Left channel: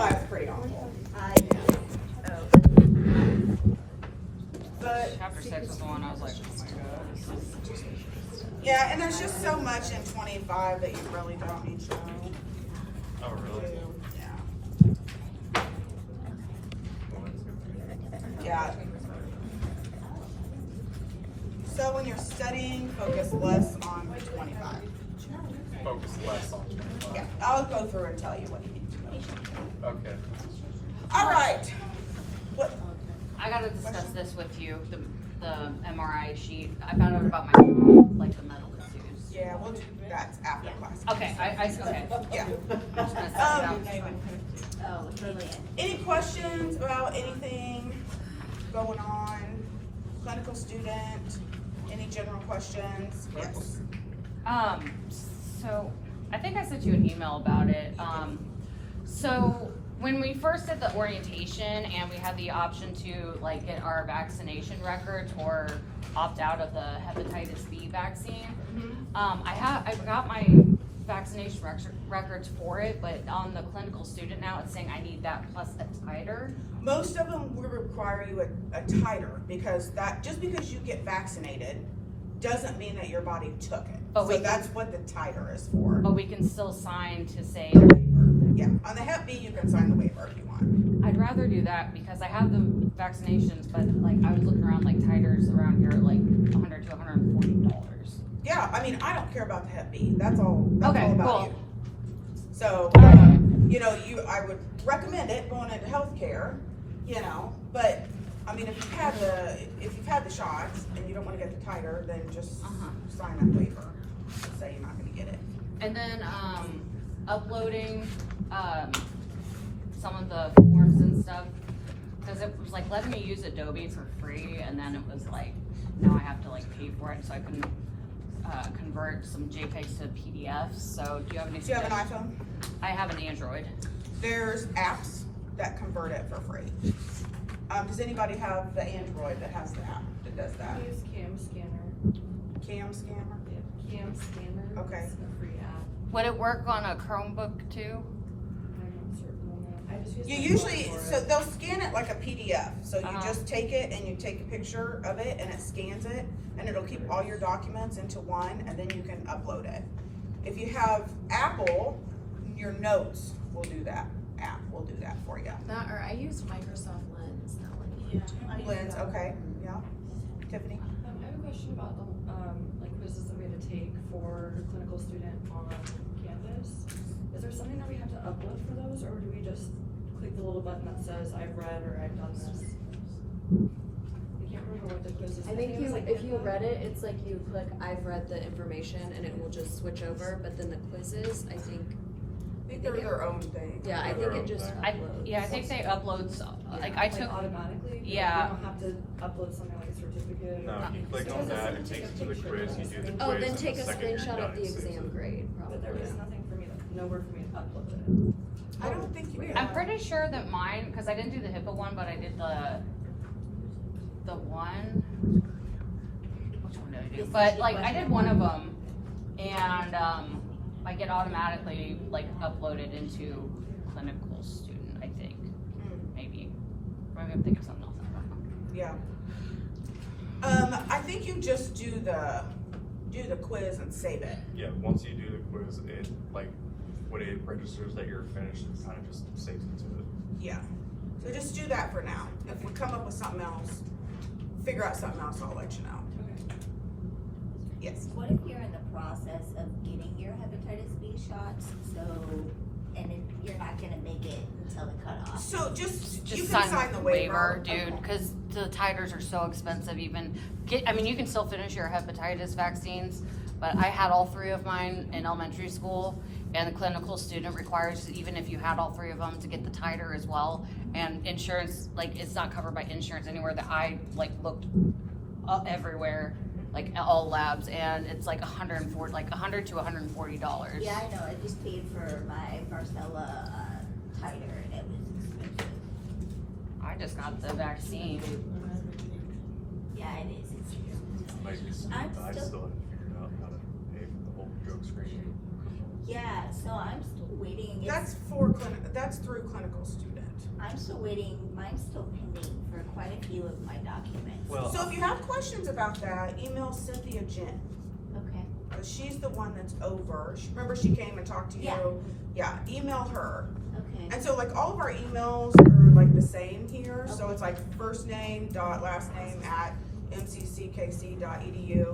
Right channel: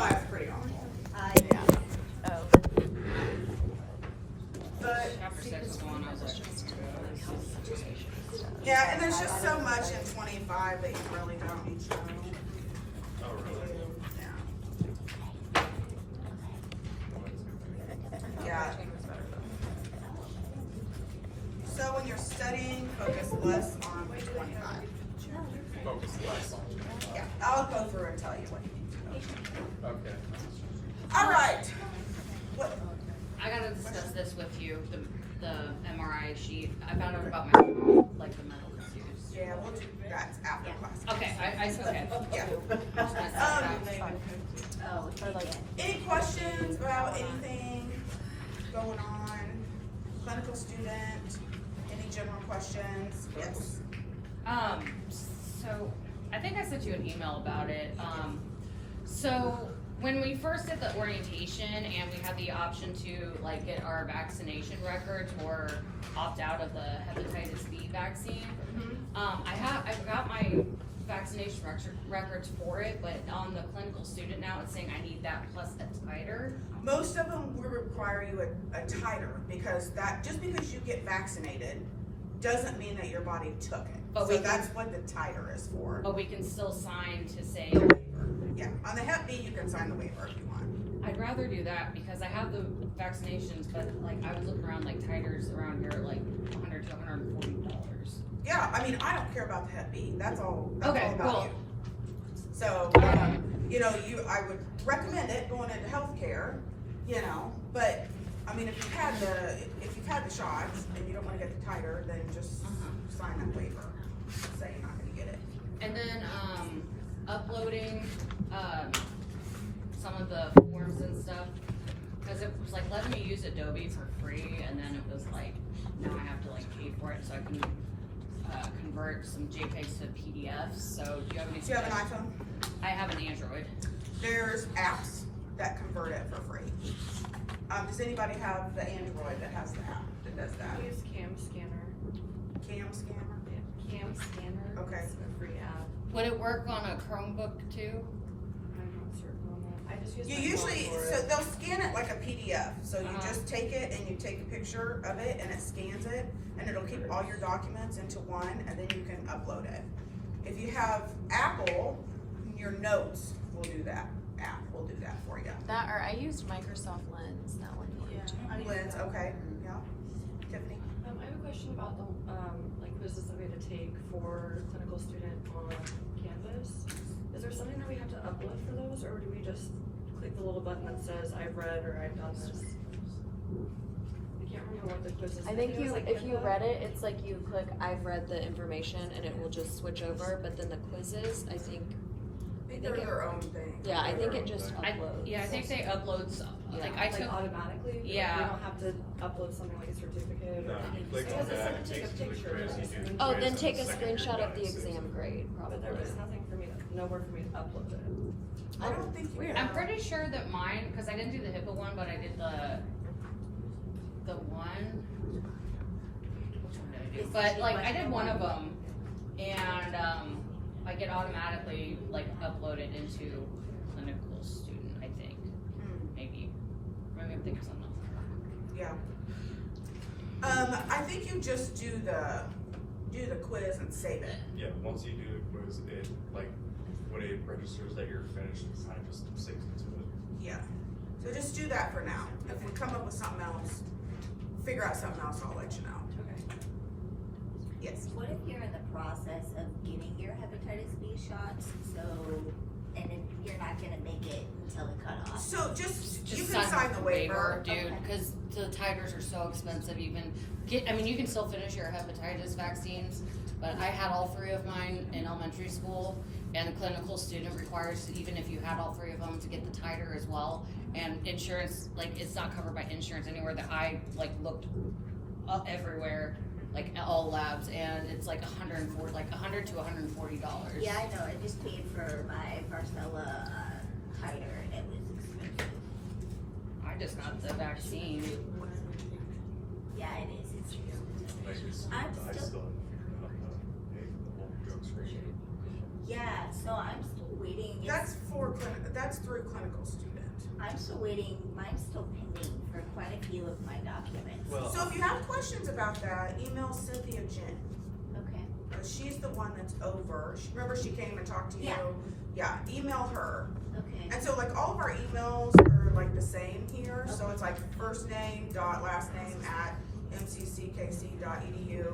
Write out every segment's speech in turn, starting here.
25 is pretty awful. Oh. But Chapter 6 is the one I was like, yeah, and there's just so much in 25 that you really don't need to know. Oh, really? Yeah. Yeah. So when you're studying, focus less on 25. Focus less on 25. Yeah, I'll go through and tell you what you need to know. Okay. All right. What? I gotta discuss this with you, the MRI sheet. I found out about my, like, the metal issues. Yeah, we'll do that after class. Okay, okay. Yeah. Just gonna set it Oh, Any questions about anything going on? Clinical student? Any general questions? Yes. So I think I sent you an email about it. So when we first did the orientation and we had the option to like get our vaccination records or opt out of the hepatitis B vaccine, I got my vaccination records for it, but on the clinical student now it's saying I need that plus a titer. Most of them will require you a titer because that just because you get vaccinated doesn't mean that your body took it. But so that's what the titer is for. But we can still sign to say. Yeah, on the Hep B you can sign the waiver if you want. I'd rather do that because I have the vaccinations, but like I was looking around like titers around here like $100 to $140. Yeah, I mean I don't care about the Hep B. That's all Okay, about cool. you. So you know, I would recommend it going into healthcare, you know, but I mean if you've had the shots and you don't want to get the titer, then just sign that waiver. Say you're not gonna get it. And then uploading some of the forms and stuff because it was like letting me use Adobe for free, and then it was like now I have to like pay for it so I can convert some JPEGs to PDFs. So do you have any? Do you have an iPhone? I have an Android. There's apps that convert it for free. Does anybody have the Android that has the app that does that? I use Cam Scanner. Cam Scanner? Cam Scanner. Okay. It's a free app. Would it work on a Chromebook too? I'm not certain on that. I just use You my usually, phone for so it. they'll scan it like a PDF. So you Uh-huh. just take it and you take a picture of it and it scans it and it'll keep all your documents into one and then you can upload it. If you have Apple, your notes will do that. App will do that for you. That, or I used Microsoft Lens, that one. Yeah. Lens, okay, yeah. Tiffany? I have a question about the like quizzes that we had to take for clinical student on campus. Is there something that we have to upload for those, or do we just click the little button that says I've read or I've done this? I can't remember what the quiz is. I think it was like if you info. read it, it's like you click I've read the information and it will just switch over, but then the quizzes, I think, I think they're their own thing. yeah, I think it just uploads. Yeah, if you say uploads, like I took. automatically. Yeah. We don't have to upload something like a certificate. No, you click on that, it takes you to the quiz, you do the quiz. Oh, then and take the a second you're screenshot done, of the it saves exam it. grade, But there probably. was nothing for me to, nowhere for me to upload it. I don't think you I'm pretty sure that mine, because I didn't do the HIPAA one, but I did the one. Which one did I do? But like I did one of them, and like it automatically like uploaded into clinical student. I think maybe. Or I'm thinking something else. Yeah. I think you just do the quiz and save it. Yeah, once you do the quiz, it like when it registers that you're finished, it kind of just saves it to it. Yeah. So just do that for now. If we come up with something else, figure out something else, I'll let you know. Okay. Yes. What if you're in the process of getting your hepatitis B shots, and then you're not gonna make it until the cutoff? So just you Just can sign the waiver. dude, Okay. because the titers are so expensive. I mean, you can still finish your hepatitis vaccines, but I had all three of mine in elementary school, and the clinical student requires, even if you had all three of them, to get the titer as well. And insurance, like, it's not covered by insurance anywhere that I like looked up everywhere, like all labs, and it's like $100 to $140. Yeah, I know, I just paid for my Marcella titer and it was expensive. I just got the vaccine. Yeah, it is, it's expensive. Maybe I'm I still haven't figured out how to pay for the whole drug screening. Yeah, so I'm still waiting. That's that's through clinical student. I'm still waiting, mine's still pending for quite a few of my documents. Well, So if you have questions about that, email Cynthia Jen. Okay, Cause she's the one that's over. Remember she came and talked to you? Yeah, email her. okay. And so like all of our emails are like the same here. So it's like first name dot last name at mcckc.edu.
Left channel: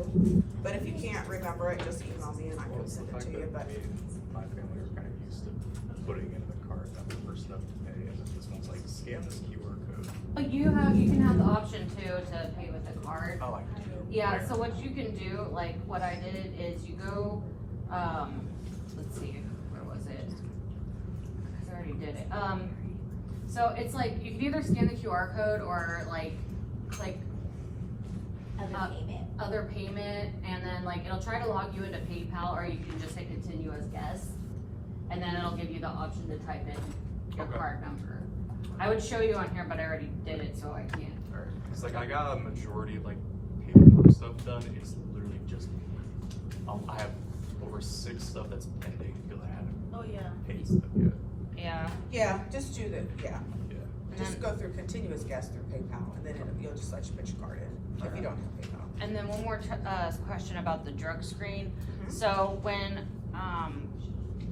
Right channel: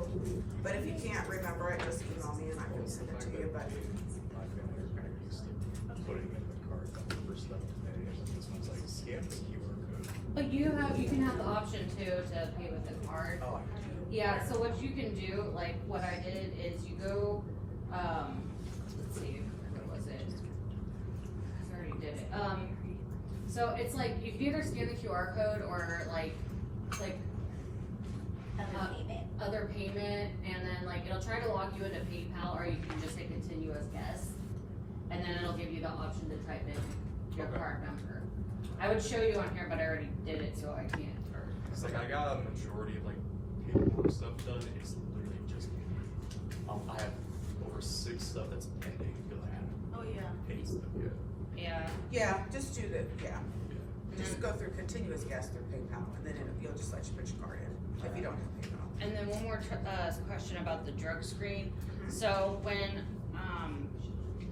But if you can't remember it, just email me and I well, can send the it fact to you. that But my family are kind of used to putting in the card that the first step to pay, and then this one's like, scan this QR code. But you can have the option too to pay with a card. Oh, like. Yeah, so what you can do, like what I did is you go, let's see, where was it? I already did it. So it's like you can either scan the QR code or like Other payment. other payment, and then like it'll try to log you into PayPal, or you can just say continue as guest, and then it'll give you the option to type in your Okay. card number. I would show you on here, but I already did it, so I can't. It's like I got a majority of like paperwork stuff done. It's literally just I have over 6 stuff that's pending because I haven't Oh, yeah. paid stuff yet. Yeah. yeah, just do the Yeah. just go through continuous guest through PayPal, and then you'll just let you put your card in if you don't have PayPal. And then one more question about the drug screen. So when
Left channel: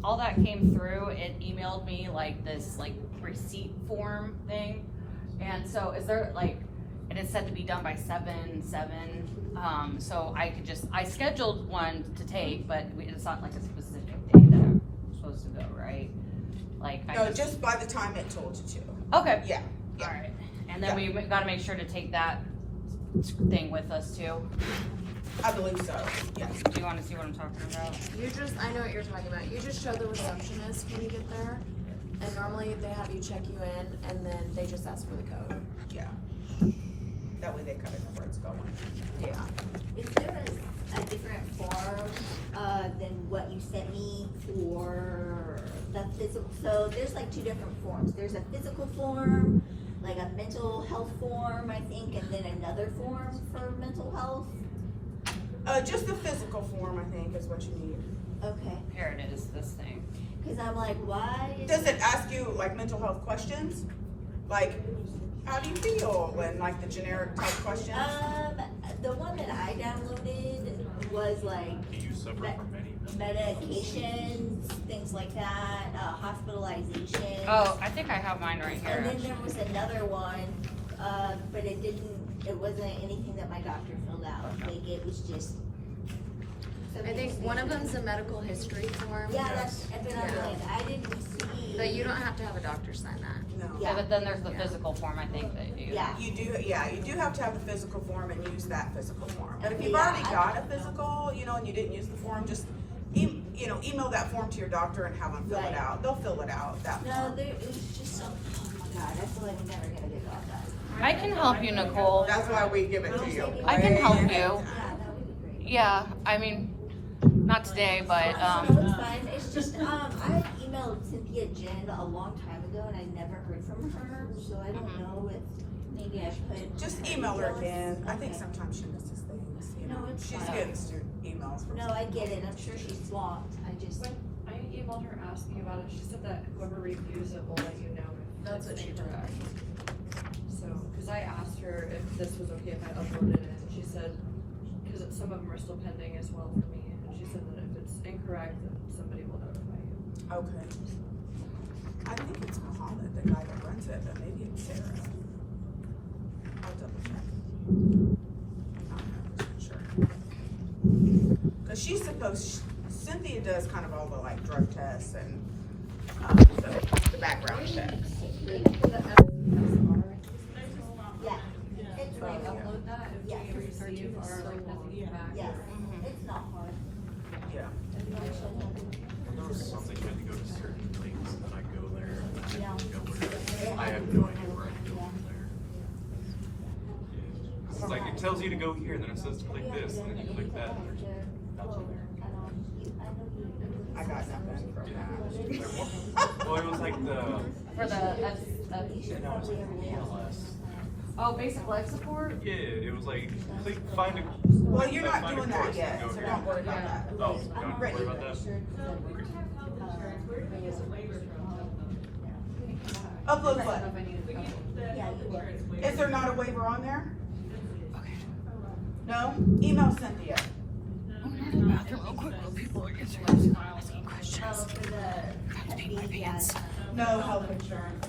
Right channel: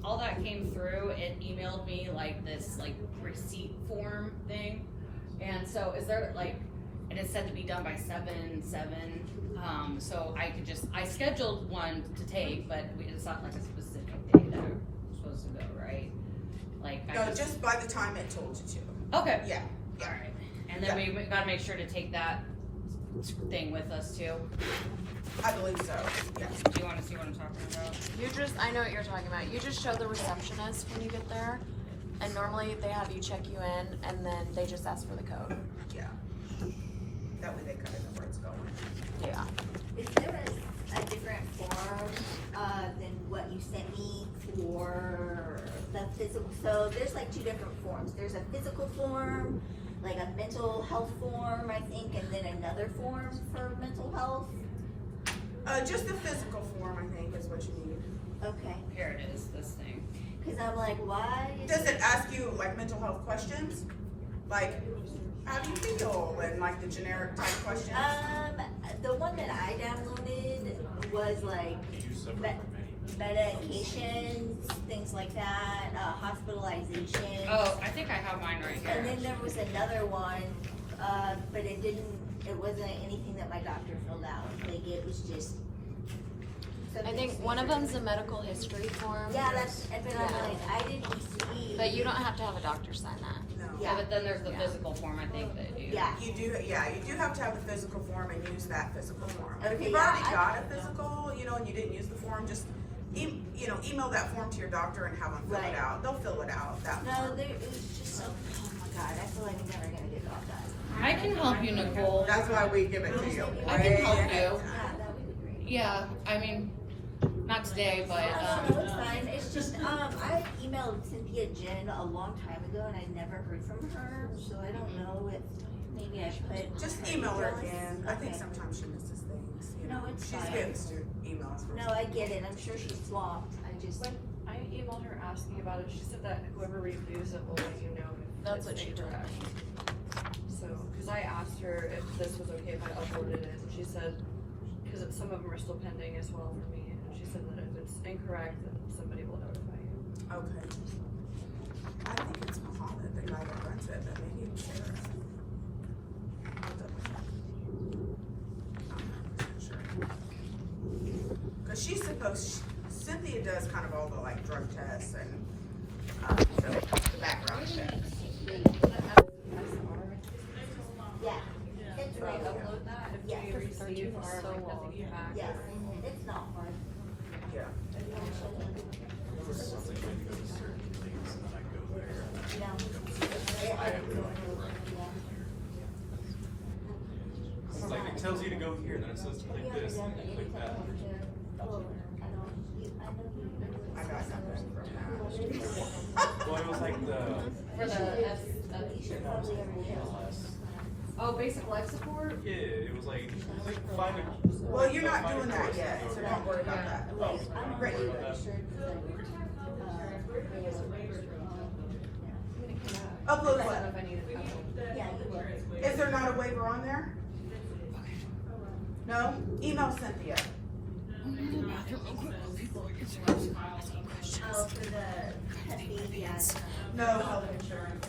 all that came through, it emailed me like this like receipt form thing. And so is there like, and it's said to be done by 7/7. So I scheduled one to take, but it's not like a specific date that I'm supposed to go, right? Like No, just by the time it told you to. okay. Yeah. All right. And then we gotta make sure to take that thing with us too. I believe so. Yes. Do you wanna see what I'm talking about? I know what you're talking about. You just show the receptionist when you get there, and normally they have you check you in, and then they just ask for the code. Yeah. That way they kind of know where it's going. Yeah. Is there a different form, than what you sent me for the physical? So there's like 2 different forms. There's a physical form, like a mental health form, I think, and then another form for mental health. Just the physical form, I think, is what you need. Okay, Here it is, this thing. cause I'm like, why? Does it ask you like mental health questions? Like, how do you feel? And like the generic type questions? The one that I downloaded was like Do you suffer from any? medications, things like that, hospitalization. Oh, I think I have mine right And here. then there was another one, but it wasn't anything that my doctor filled out, like it was just. I think one of them's a medical history form. Yeah, but I'm like, I didn't see. But you don't have to have a doctor sign that. No. Yeah. But then there's the physical form, I think that you. Yeah. You do have to have the physical form and use that physical form. And if Okay, you've yeah, already I- got a physical, and you didn't use the form, just email that form to your doctor and have them fill Right. it out. They'll fill it out. No, it was just, oh my God, I feel like I'm never gonna get all that. I can help you, Nicole. That's why we give it to you. I can help you. Yeah, that would be great. Yeah, I mean, not today, but, No, it's fine, it's just, I had emailed Cynthia Jen a long time ago and I never heard from her, so I don't know if maybe I put. Just her email her details. again. I think Okay. sometimes she misses things. No, it's She's fine. getting student emails. From No, I get it, I'm sure she's swamped, I just, When I emailed her asking about it, she said that whoever reviews it will let you know if That's it's what she told incorrect. So, cause I asked her if this was okay if I uploaded it, and she said, cause some of them are still pending as well for me, and she said that if it's incorrect, then somebody will notify you. Okay. I think it's Mohammed, the guy that runs it, but maybe it's Sarah. I'll double check. Sure. Cause Cynthia does kind of all the like drug tests and the background check. yeah, it's If I like, upload that, if Yeah. we receive our like nothing came back. yes, it's not hard. Yeah. There was something I had to go to certain links, and then I go there, and I Yeah. have to go there. I have no idea where I'm Yeah. going there. It's like, it tells you to go here, and then it says to click this, and then you click that. I got nothing from that. Well, it was like the, for the, oh, basic life support? yeah, it was like, click, find a. Well, you're not find a doing that course, yet, and go so here. don't worry about that. Oh, don't worry about that. Upload I don't know what? if I need to upload. Yeah, you will. Is there not a waiver on there? No? Email Cynthia. Oh, for the Hep B, yeah. No health insurance.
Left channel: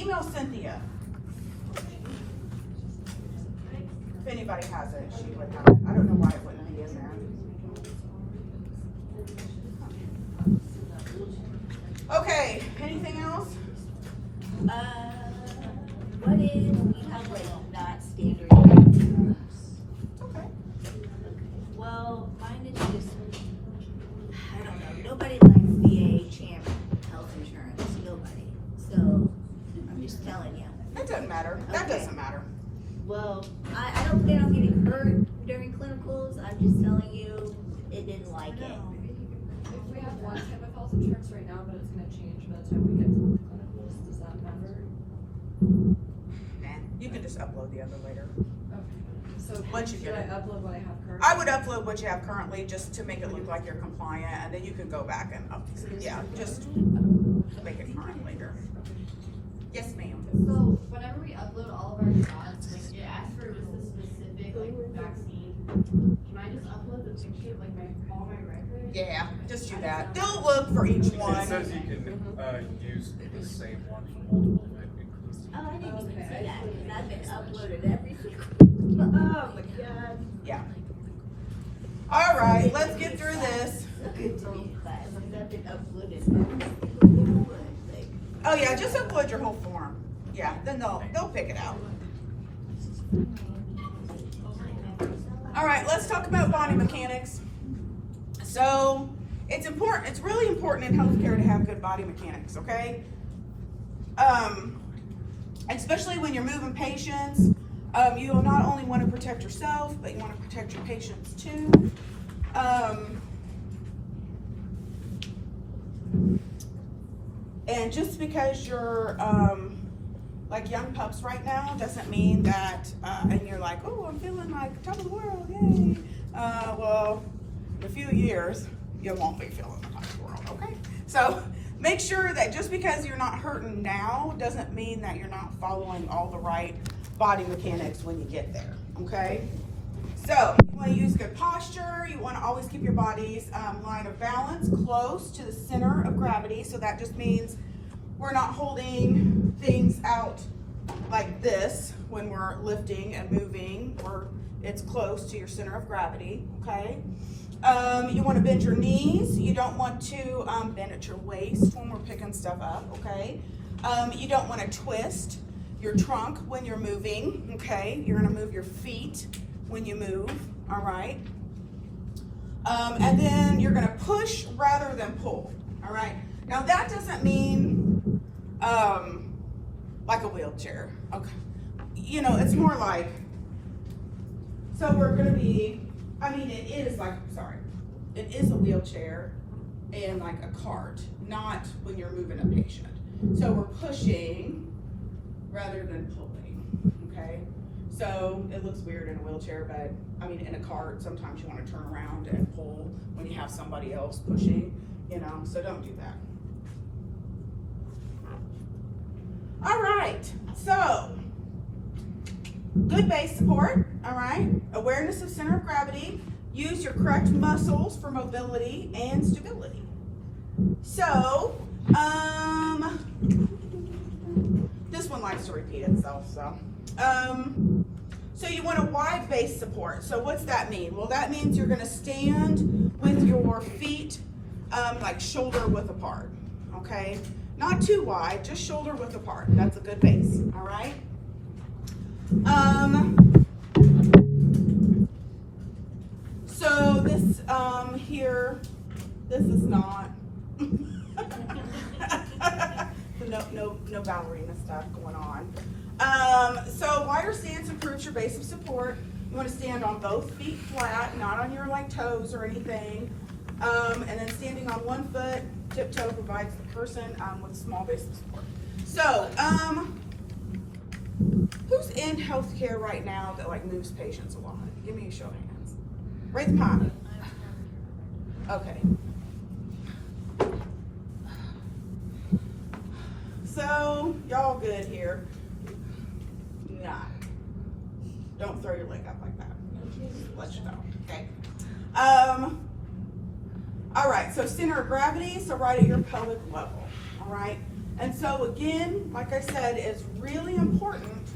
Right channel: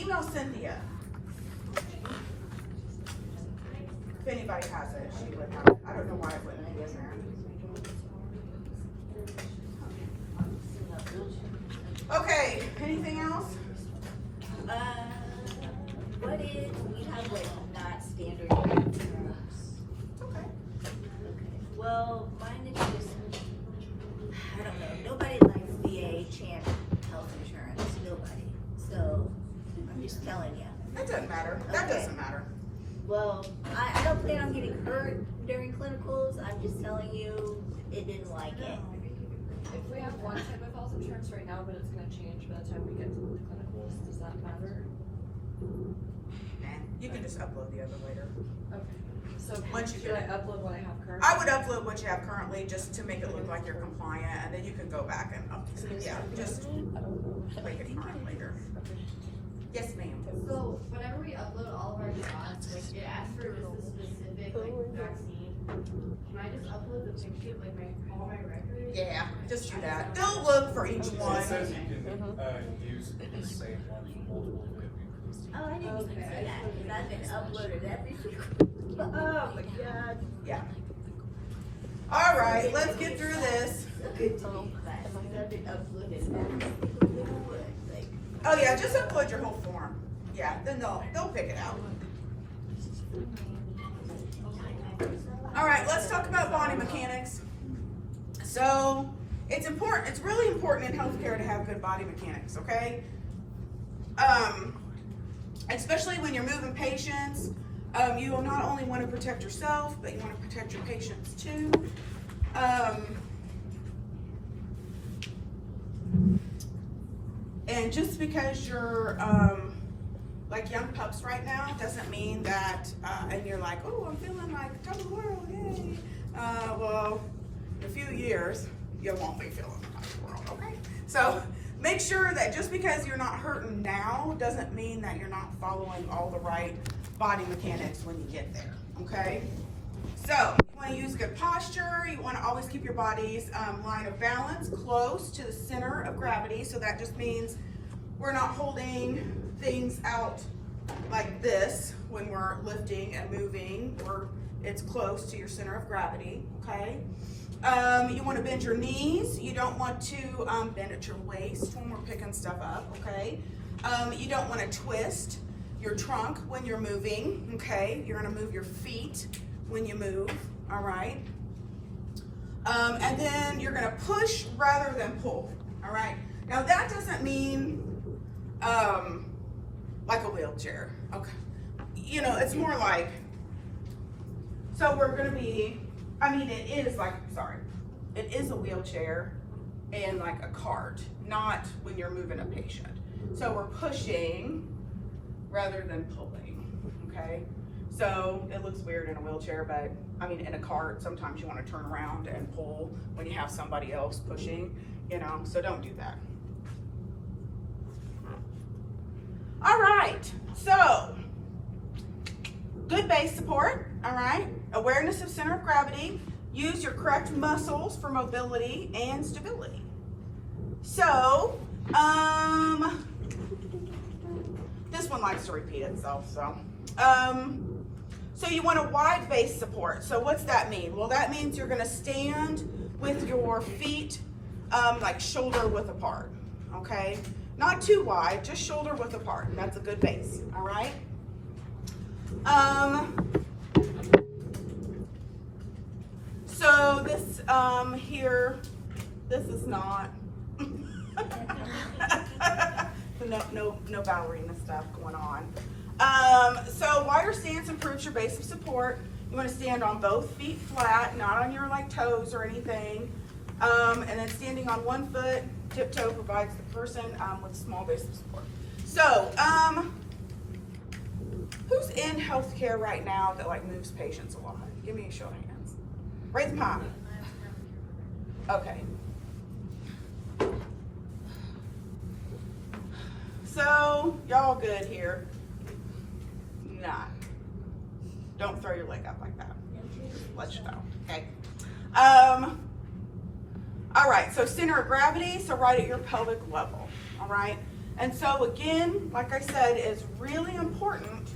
Email Cynthia. If anybody has it, she would know. I don't know why it wouldn't be in there. Okay, anything else? What if we have like not standard insurance? Okay. Okay, well, mine is just, I don't know, nobody likes VA champ health insurance, nobody. So, I'm just telling you. It doesn't matter. That Okay. doesn't matter. Well, I don't plan on getting hurt during clinicals, I'm just telling you, it didn't like it. If we have one type of health insurance right now, but it's gonna change by the time we get to the clinicals, does that matter? You can just upload the other later. Okay. So Once you should get I it. upload what I have currently? I would upload what you have currently just to make it look like you're compliant, and then you can go back and yeah, just make it current later. Yes, ma'am. So whenever we upload all of our shots, like it asks for just a specific like vaccine. Can I just upload the picture of like all my records? Yeah, just do that. They'll look for each one. It says you can use the same one for multiple things. Oh, I didn't even see that, because I've been uploaded every single, oh my god. Yeah. All right, let's get through this. Look at me, but I've been uploaded every single thing. Oh yeah, just upload your whole form. Yeah, then they'll pick it out. All right, let's talk about body mechanics. So it's important. It's really important in healthcare to have good body mechanics. Okay. Especially when you're moving patients, you will not only want to protect yourself, but you want to protect your patients too. And just because you're like young pups right now doesn't mean that, and you're like, oh, I'm feeling like top of the world, yay. Well, in a few years, you won't be feeling the top of the world, okay? So make sure that just because you're not hurting now doesn't mean that you're not following all the right body mechanics when you get there, okay? So you want to use good posture. You want to always keep your body's line of balance close to the center of gravity. So that just means we're not holding things out like this when we're lifting and moving. It's close to your center of gravity, okay? You want to bend your knees. You don't want to bend at your waist when we're picking stuff up, okay? You don't want to twist your trunk when you're moving, okay? You're going to move your feet when you move, all right? And then you're going to push rather than pull, all right? Now that doesn't mean like a wheelchair, okay? You know, it's more like, so we're going to be, I mean, it is a wheelchair and like a cart, not when you're moving a patient. So we're pushing rather than pulling, okay? So it looks weird in a wheelchair, but I mean, in a cart, sometimes you want to turn around and pull when you have somebody else pushing, you know, so don't do that. All right, so good base support, all right? Awareness of center of gravity. Use your correct muscles for mobility and stability. So, this one likes to repeat itself, so. So you want a wide base support. So what's that mean? Well, that means you're gonna stand with your feet like shoulder width apart, okay? Not too wide, just shoulder width apart. That's a good base, all right? So this here, this is not, no ballerina stuff going on. So wider stance improves your base of support. You want to stand on both feet flat, not on your like toes or anything. And then standing on one foot, tiptoe provides the person with a small base of support. So, who's in healthcare right now that like moves patients a lot? Give me a show of hands. Raise the palm. Okay. So, y'all good here? Not. Don't throw your leg up like that. Let you know, okay? All right, so center of gravity, so right at your pelvic level, all right? And so again, like I said, it's really important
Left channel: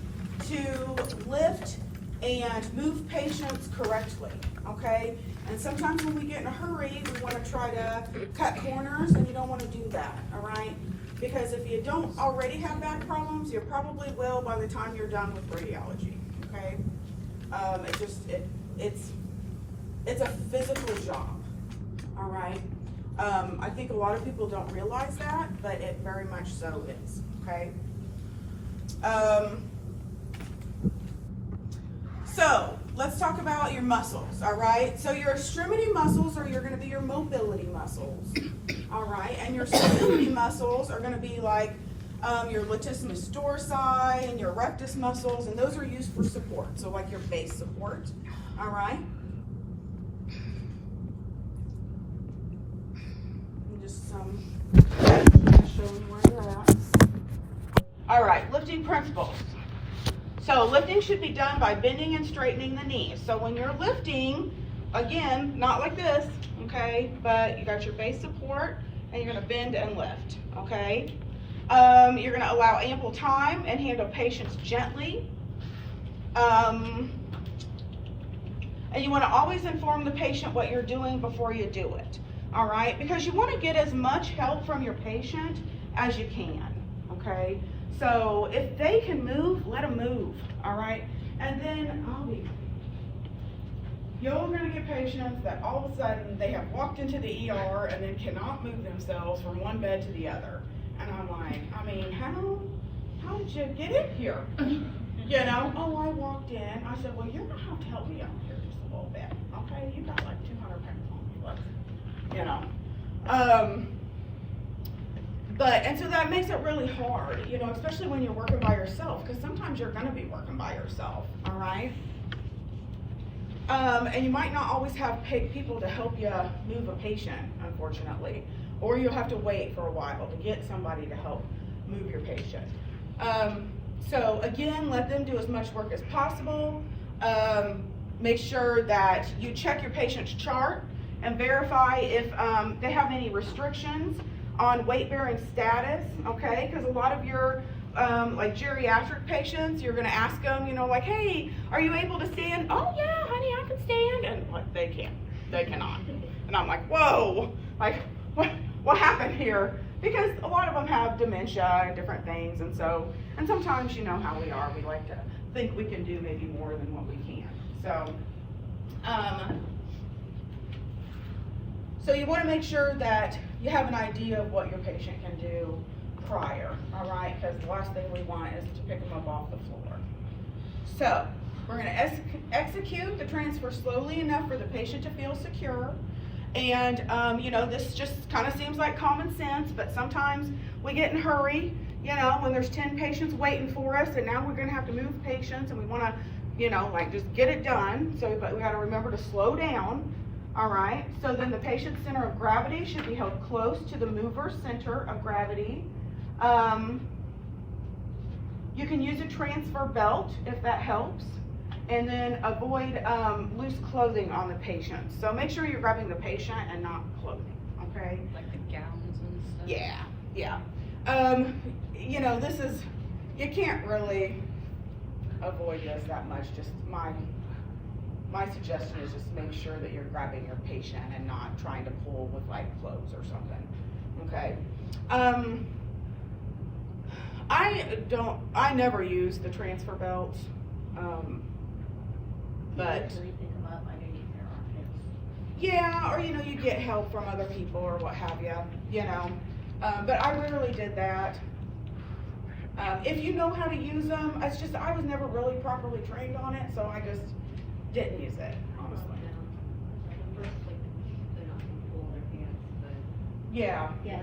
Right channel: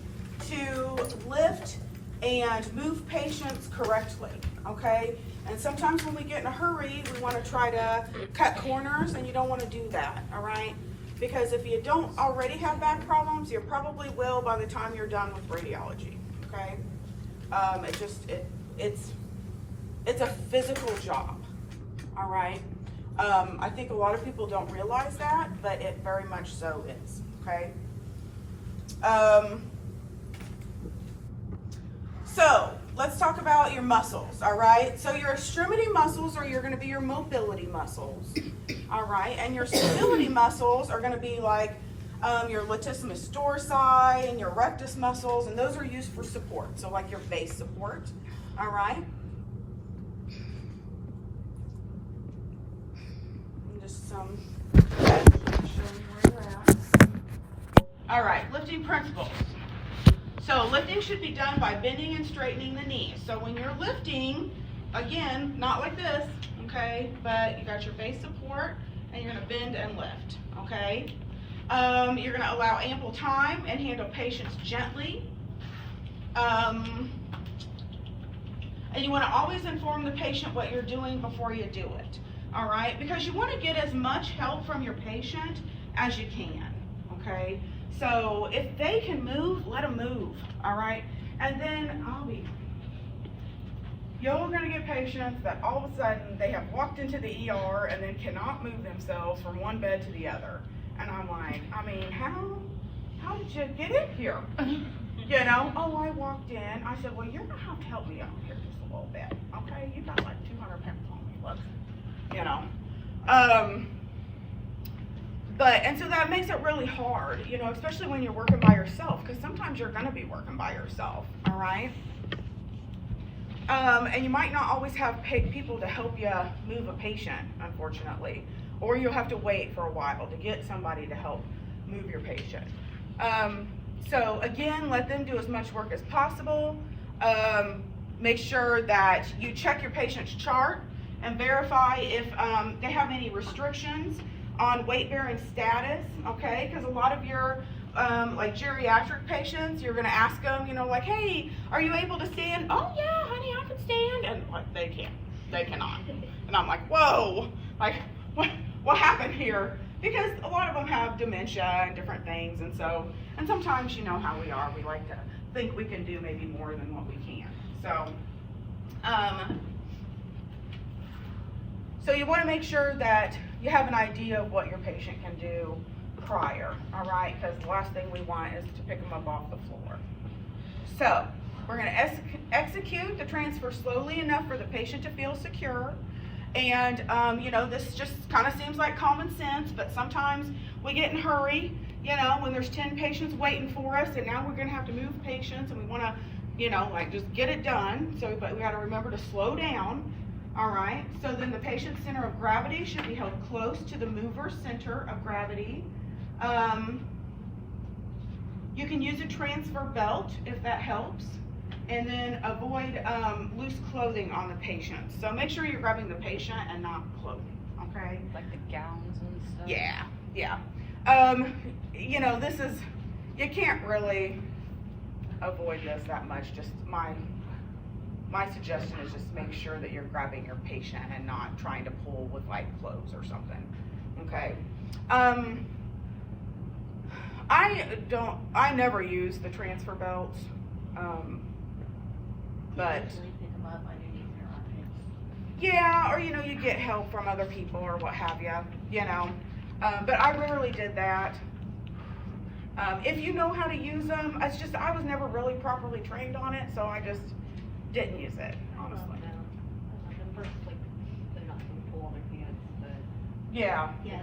to lift and move patients correctly, okay? And sometimes when we get in a hurry, we want to try to cut corners, and you don't want to do that, all right? Because if you don't already have back problems, you probably will by the time you're done with radiology, okay? It's a physical job, all right? I think a lot of people don't realize that, but it very much so is, okay? So let's talk about your muscles, all right? So your extremity muscles are going to be your mobility muscles, all right? And your stability muscles are going to be like your latissimus dorsi and your rectus muscles, and those are used for support, so like your base support, all right? Just show you where you're at. All right, lifting principles. So lifting should be done by bending and straightening the knees. So when you're lifting, again, not like this, okay, but you got your base support and you're gonna bend and lift, okay? You're gonna allow ample time and handle patients gently. And you wanna always inform the patient what you're doing before you do it, all right? Because you wanna get as much help from your patient as you can, okay? So if they can move, let them move, all right? And then you're gonna get patients that all of a sudden they have walked into the ER and then cannot move themselves from one bed to the other. And I'm like, I mean, how did you get in here? You know, oh, I walked in. I said, well, you're gonna have to help me out here just a little bit, okay? You got like 200 pounds on me, let's, you know. And so that makes it really hard, you know, especially when you're working by yourself, because sometimes you're gonna be working by yourself, all right? And you might not always have people to help you move a patient, unfortunately, or you'll have to wait for a while to get somebody to help move your patient. So again, let them do as much work as possible. Make sure that you check your patient's chart and verify if they have any restrictions on weight-bearing status, okay? Because a lot of your like geriatric patients, you're gonna ask them, you know, like, hey, are you able to stand? Oh yeah, honey, I can stand. And like, they cannot. And I'm like, whoa, like, what happened here? Because a lot of them have dementia and different things, and sometimes you know how we are. We like to think we can do maybe more than what we can. So you want to make sure that you have an idea of what your patient can do prior, all right? Because the last thing we want is to pick them up off the floor. So we're going to execute the transfer slowly enough for the patient to feel secure. And, you know, this just kind of seems like common sense, but sometimes we get in a hurry, you know, when there's 10 patients waiting for us, and now we're going to have to move patients, and we want to, you know, like just get it done. So, but we got to remember to slow down. All right, so then the patient's center of gravity should be held close to the mover's center of gravity. You can use a transfer belt if that helps, and then avoid loose clothing on the patient. So make sure you're grabbing the patient and not clothing, okay? Like the gowns and stuff. Yeah. You know, you can't really avoid this that much. Just my suggestion is just make sure that you're grabbing your patient and not trying to pull with like clothes or something, okay? I never use the transfer belts, but pick them up underneath their armpits. yeah, or you know, you get help from other people or what have you know, but I rarely did that. If you know how to use them, it's just I was never really properly trained on it, so I just didn't use it, honestly. Yeah. Yeah,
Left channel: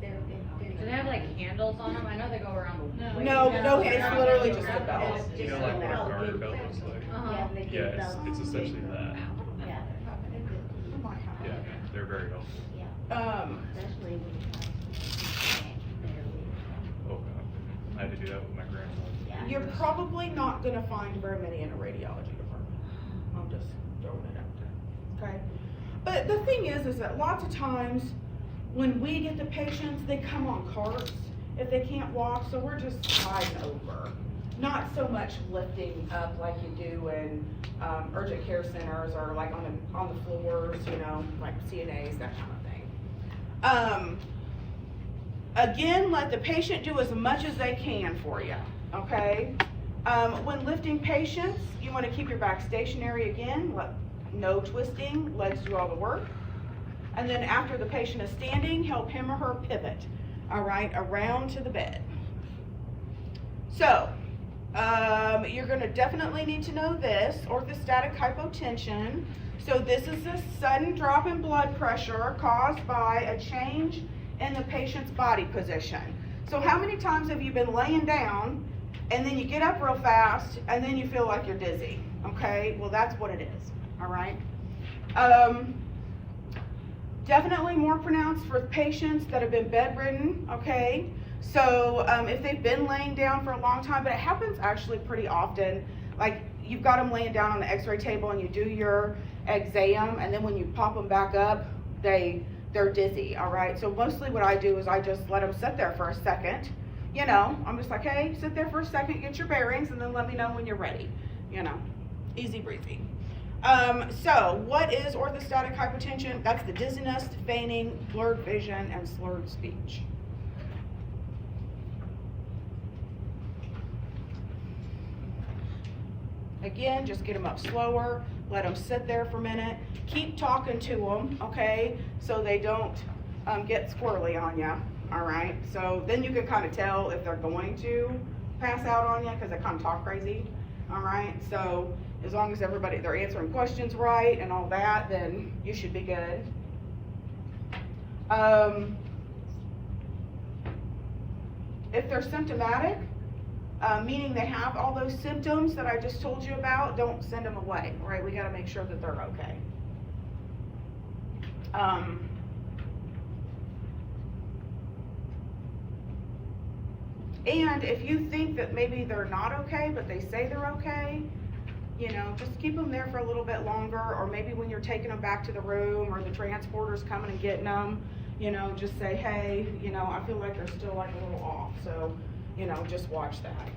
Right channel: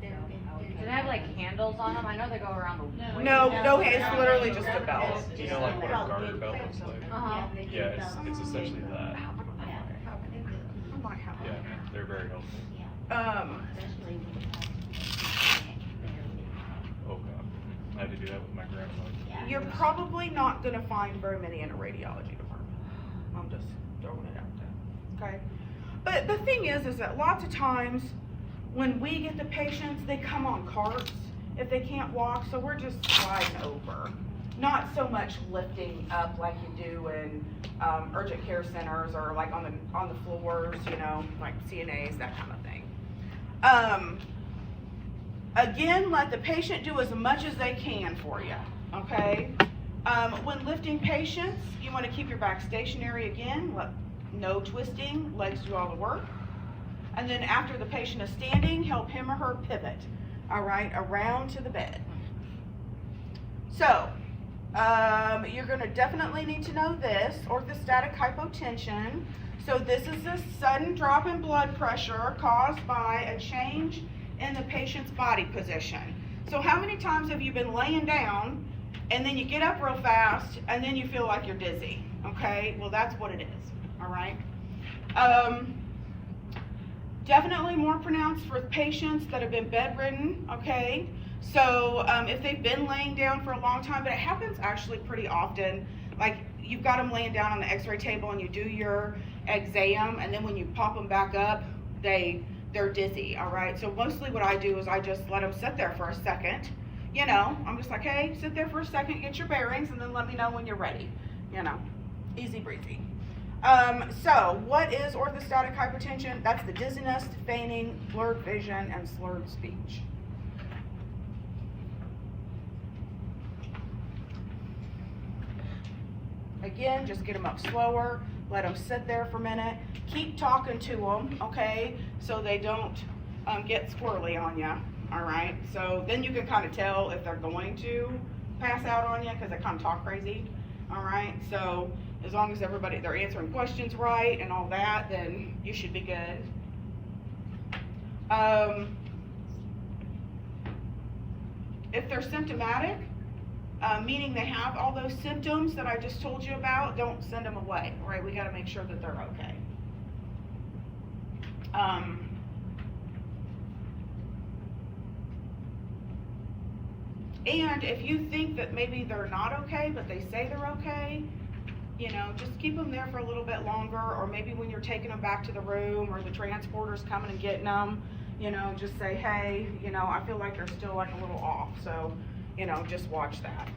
they're Do they have like handles on them? I know they go around the No, it's literally just a belt. You know, like what a garter belt looks like? Yeah, it's essentially that. Yeah, they're very helpful. Especially when you have Oh, I had to do that with my grandma. You're probably not gonna find very many in a radiology department. I'm just throwing it out there, okay? But the thing is that lots of times when we get the patients, they come on carts if they can't walk, so we're just sliding over. Not so much lifting up like you do in urgent care centers or like on the floors, you know, like CNAs, that kind of thing. Again, let the patient do as much as they can for you, okay? When lifting patients, you want to keep your back stationary again, no twisting, legs do all the work. And then after the patient is standing, help him or her pivot, all right, around to the bed. So, you're going to definitely need to know this, orthostatic hypotension. So this is a sudden drop in blood pressure caused by a change in the patient's body position. So how many times have you been laying down and then you get up real fast and then you feel like you're dizzy? Okay, well that's what it is, all right? Definitely more pronounced for patients that have been bedridden, okay? So if they've been laying down for a long time, but it happens actually pretty often, like you've got them laying down on the x-ray table and you do your exam, and then when you pop them back up, they're dizzy, all right? So mostly what I do is I just let them sit there for a second, you know, I'm just like, hey, sit there for a second, get your bearings, and then let me know when you're ready, you know, easy breezy. So what is orthostatic hypotension? That's the dizziness, fainting, blurred vision, and slurred speech. Again, just get them up slower, let them sit there for a minute, keep talking to them, okay, so they don't get squirrely on you, all right? So then you can kind of tell if they're going to pass out on you because they kind of talk crazy, all right? So as long as they're answering questions right and all that, then you should be good. If they're symptomatic, meaning they have all those symptoms that I just told you about, don't send them away, right? We gotta make sure that they're okay. And if you think that maybe they're not okay, but they say they're okay, you know, just keep them there for a little bit longer, or maybe when you're taking them back to the room or the transporter's coming and getting them, you know, just say, hey, you know, I feel like they're still like a little off, so, you know, just watch that.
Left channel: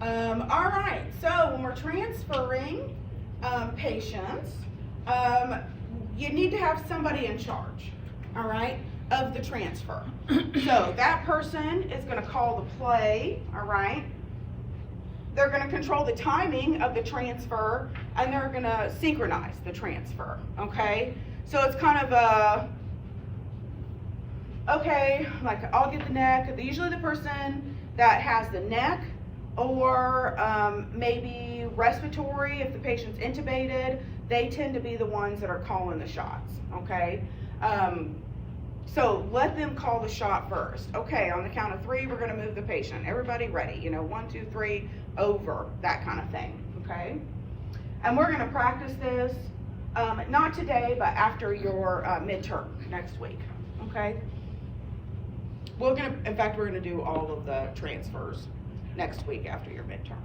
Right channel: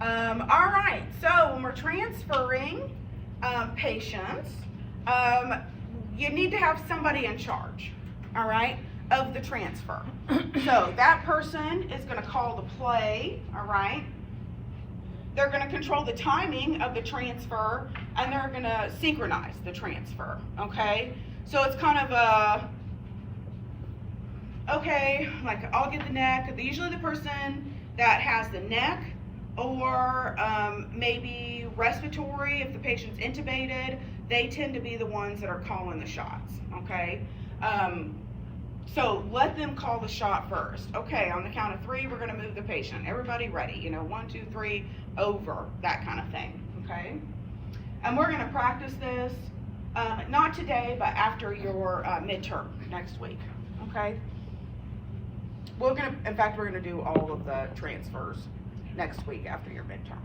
All right, so when we're transferring patients, you need to have somebody in charge, all right, of the transfer. So that person is going to call the play, all right? They're going to control the timing of the transfer, and they're going to synchronize the transfer, okay? So it's kind of a, okay, like I'll get the neck. Usually the person that has the neck, or maybe respiratory, if the patient's intubated, they tend to be the ones that are calling the shots, okay? So let them call the shot first. Okay, on the count of 3, we're gonna move the patient. Everybody ready, you know, 1, 2, 3, over, that kind of thing, okay? And we're gonna practice this, not today, but after your midterm next week, okay? In fact, we're gonna do all of the transfers next week after your midterm.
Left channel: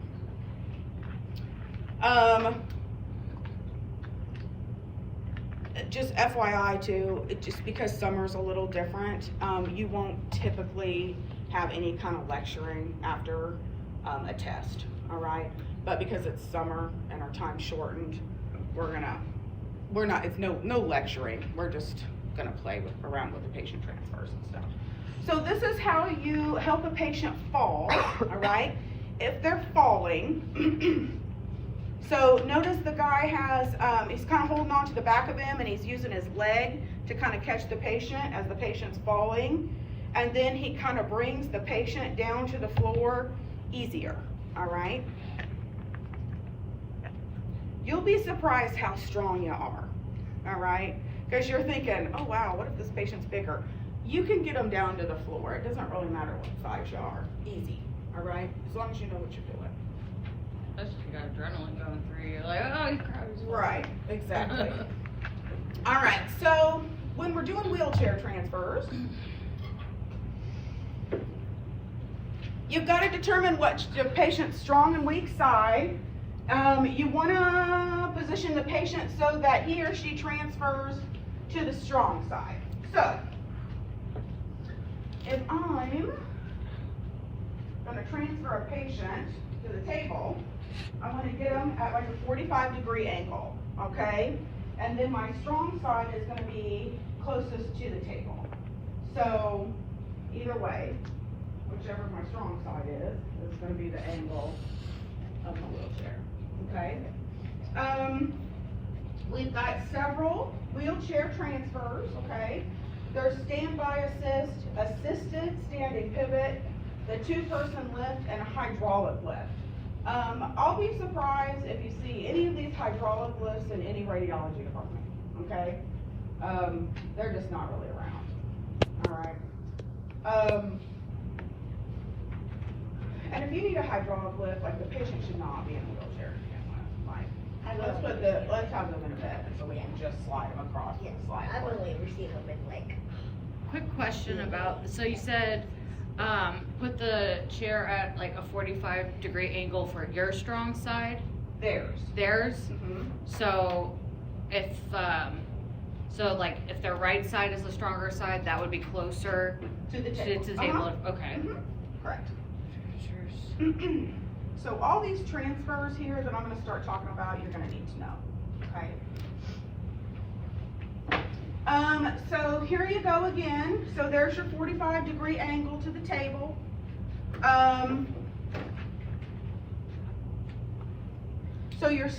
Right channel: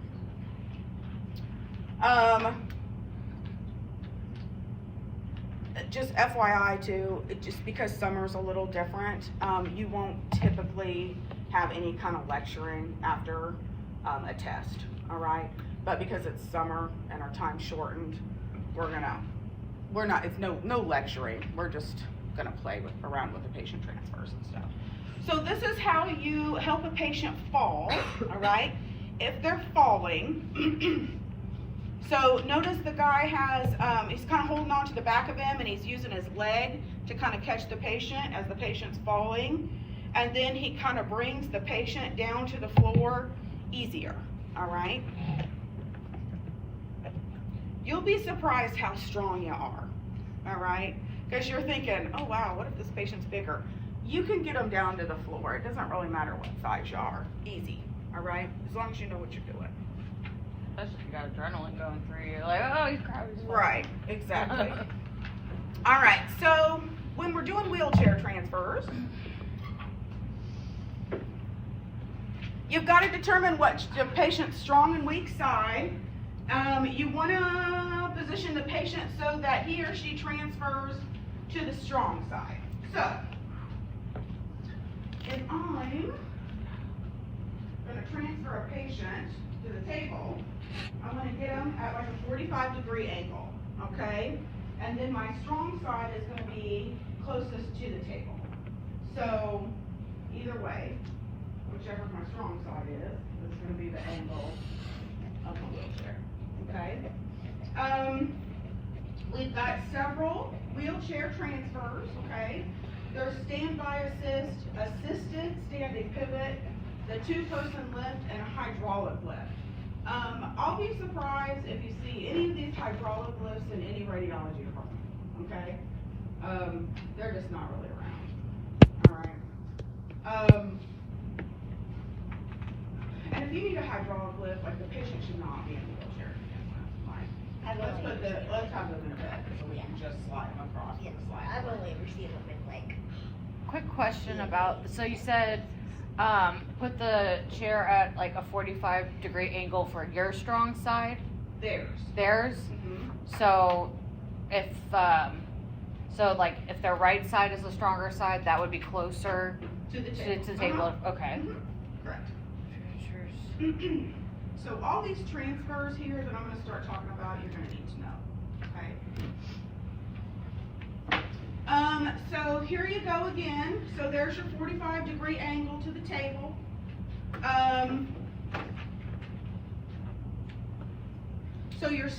Just FYI too, just because summer's a little different, you won't typically have any kind of lecturing after a test, all right? But because it's summer and our time's shortened, it's no lecturing. We're just gonna play around with the patient transfers and stuff. So this is how you help a patient fall, all right? If they're falling, so notice the guy has, he's kind of holding on to the back of him and he's using his leg to kind of catch the patient as the patient's falling. And then he kind of brings the patient down to the floor easier, all right? You'll be surprised how strong you are, all right? Because you're thinking, oh wow, what if this patient's bigger? You can get them down to the floor. It doesn't really matter what size you are. Easy, all right? As long as you know what you're doing. Especially if you got adrenaline going through you, like, oh, he's crying. Right, exactly. All right, so when we're doing wheelchair transfers, you've got to determine what the patient's strong and weak side. You want to position the patient so that he or she transfers to the strong side. So, if I'm going to transfer a patient to the table, I'm going to get them at like a 45-degree angle, okay? And then my strong side is going to be closest to the table. So, either way, whichever my strong side is going to be the angle of the wheelchair, okay? We've got several wheelchair transfers, okay? There's standby assist, assisted standing pivot, the 2-person lift, and a hydraulic lift. I'll be surprised if you see any of these hydraulic lifts in any radiology department, okay? They're just not really around, all right? And if you need a hydraulic lift, like the patient should not be in a wheelchair to begin with. Like, let's have them in a bed so we can just slide them across the slide. I've only received them in like. Quick question about, so you said, put the chair at like a 45-degree angle for your strong side? Theirs. Mm-hmm. So if, like if their right side is the stronger side, that would be closer To the table. to the table, okay. Correct. So all these transfers here that I'm going to start talking about, you're going to need to know, okay? So here you go again. So there's your 45-degree angle to the table. So your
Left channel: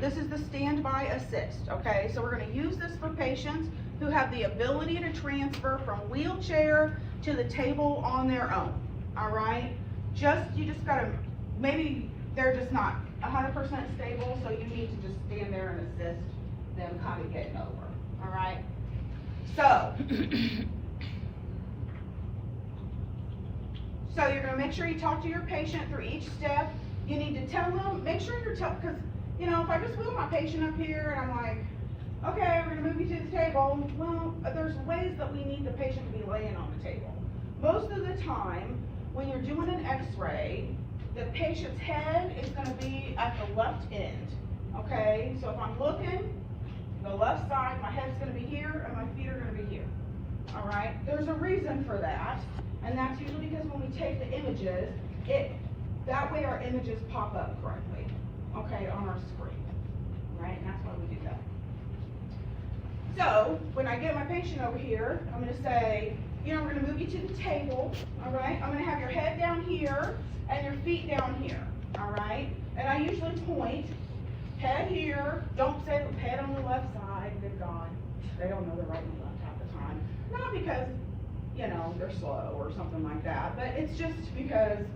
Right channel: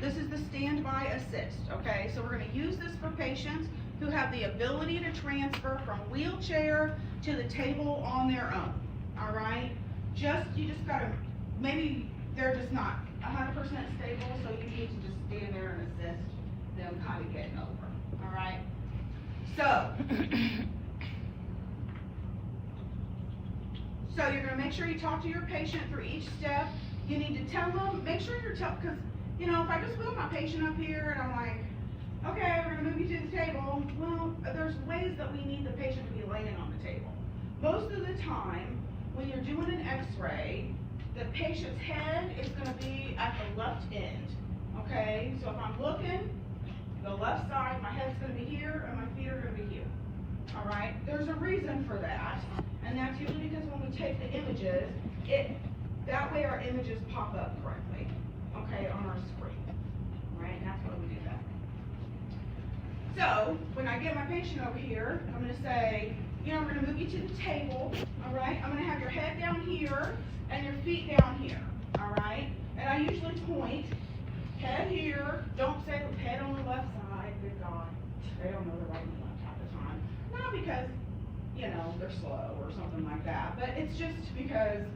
this is the standby assist, okay? So we're going to use this for patients who have the ability to transfer from wheelchair to the table on their own, all right? You just gotta, maybe they're just not 100% stable, so you need to just stand there and assist them kind of getting over, all right? So you're gonna make sure you talk to your patient through each step. You need to tell them, make sure you're because, you know, if I just wheel my patient up here and I'm like, okay, we're gonna move you to the table, well, there's ways that we need the patient to be laying on the table. Most of the time, when you're doing an x-ray, the patient's head is gonna be at the left end, okay? So if I'm looking, the left side, my head's gonna be here and my feet are gonna be here, all right? There's a reason for that, and that's usually because when we take the images, that way our images pop up correctly, okay, on our screen, right? And that's why we do that. So, when I get my patient over here, I'm gonna say, you know, we're gonna move you to the table, all right? I'm gonna have your head down here and your feet down here, all right? And I usually point, head here, don't say head on the left side, good God. They don't know the right and the left half the time. Not because, you know, they're slow or something like that, but it's just because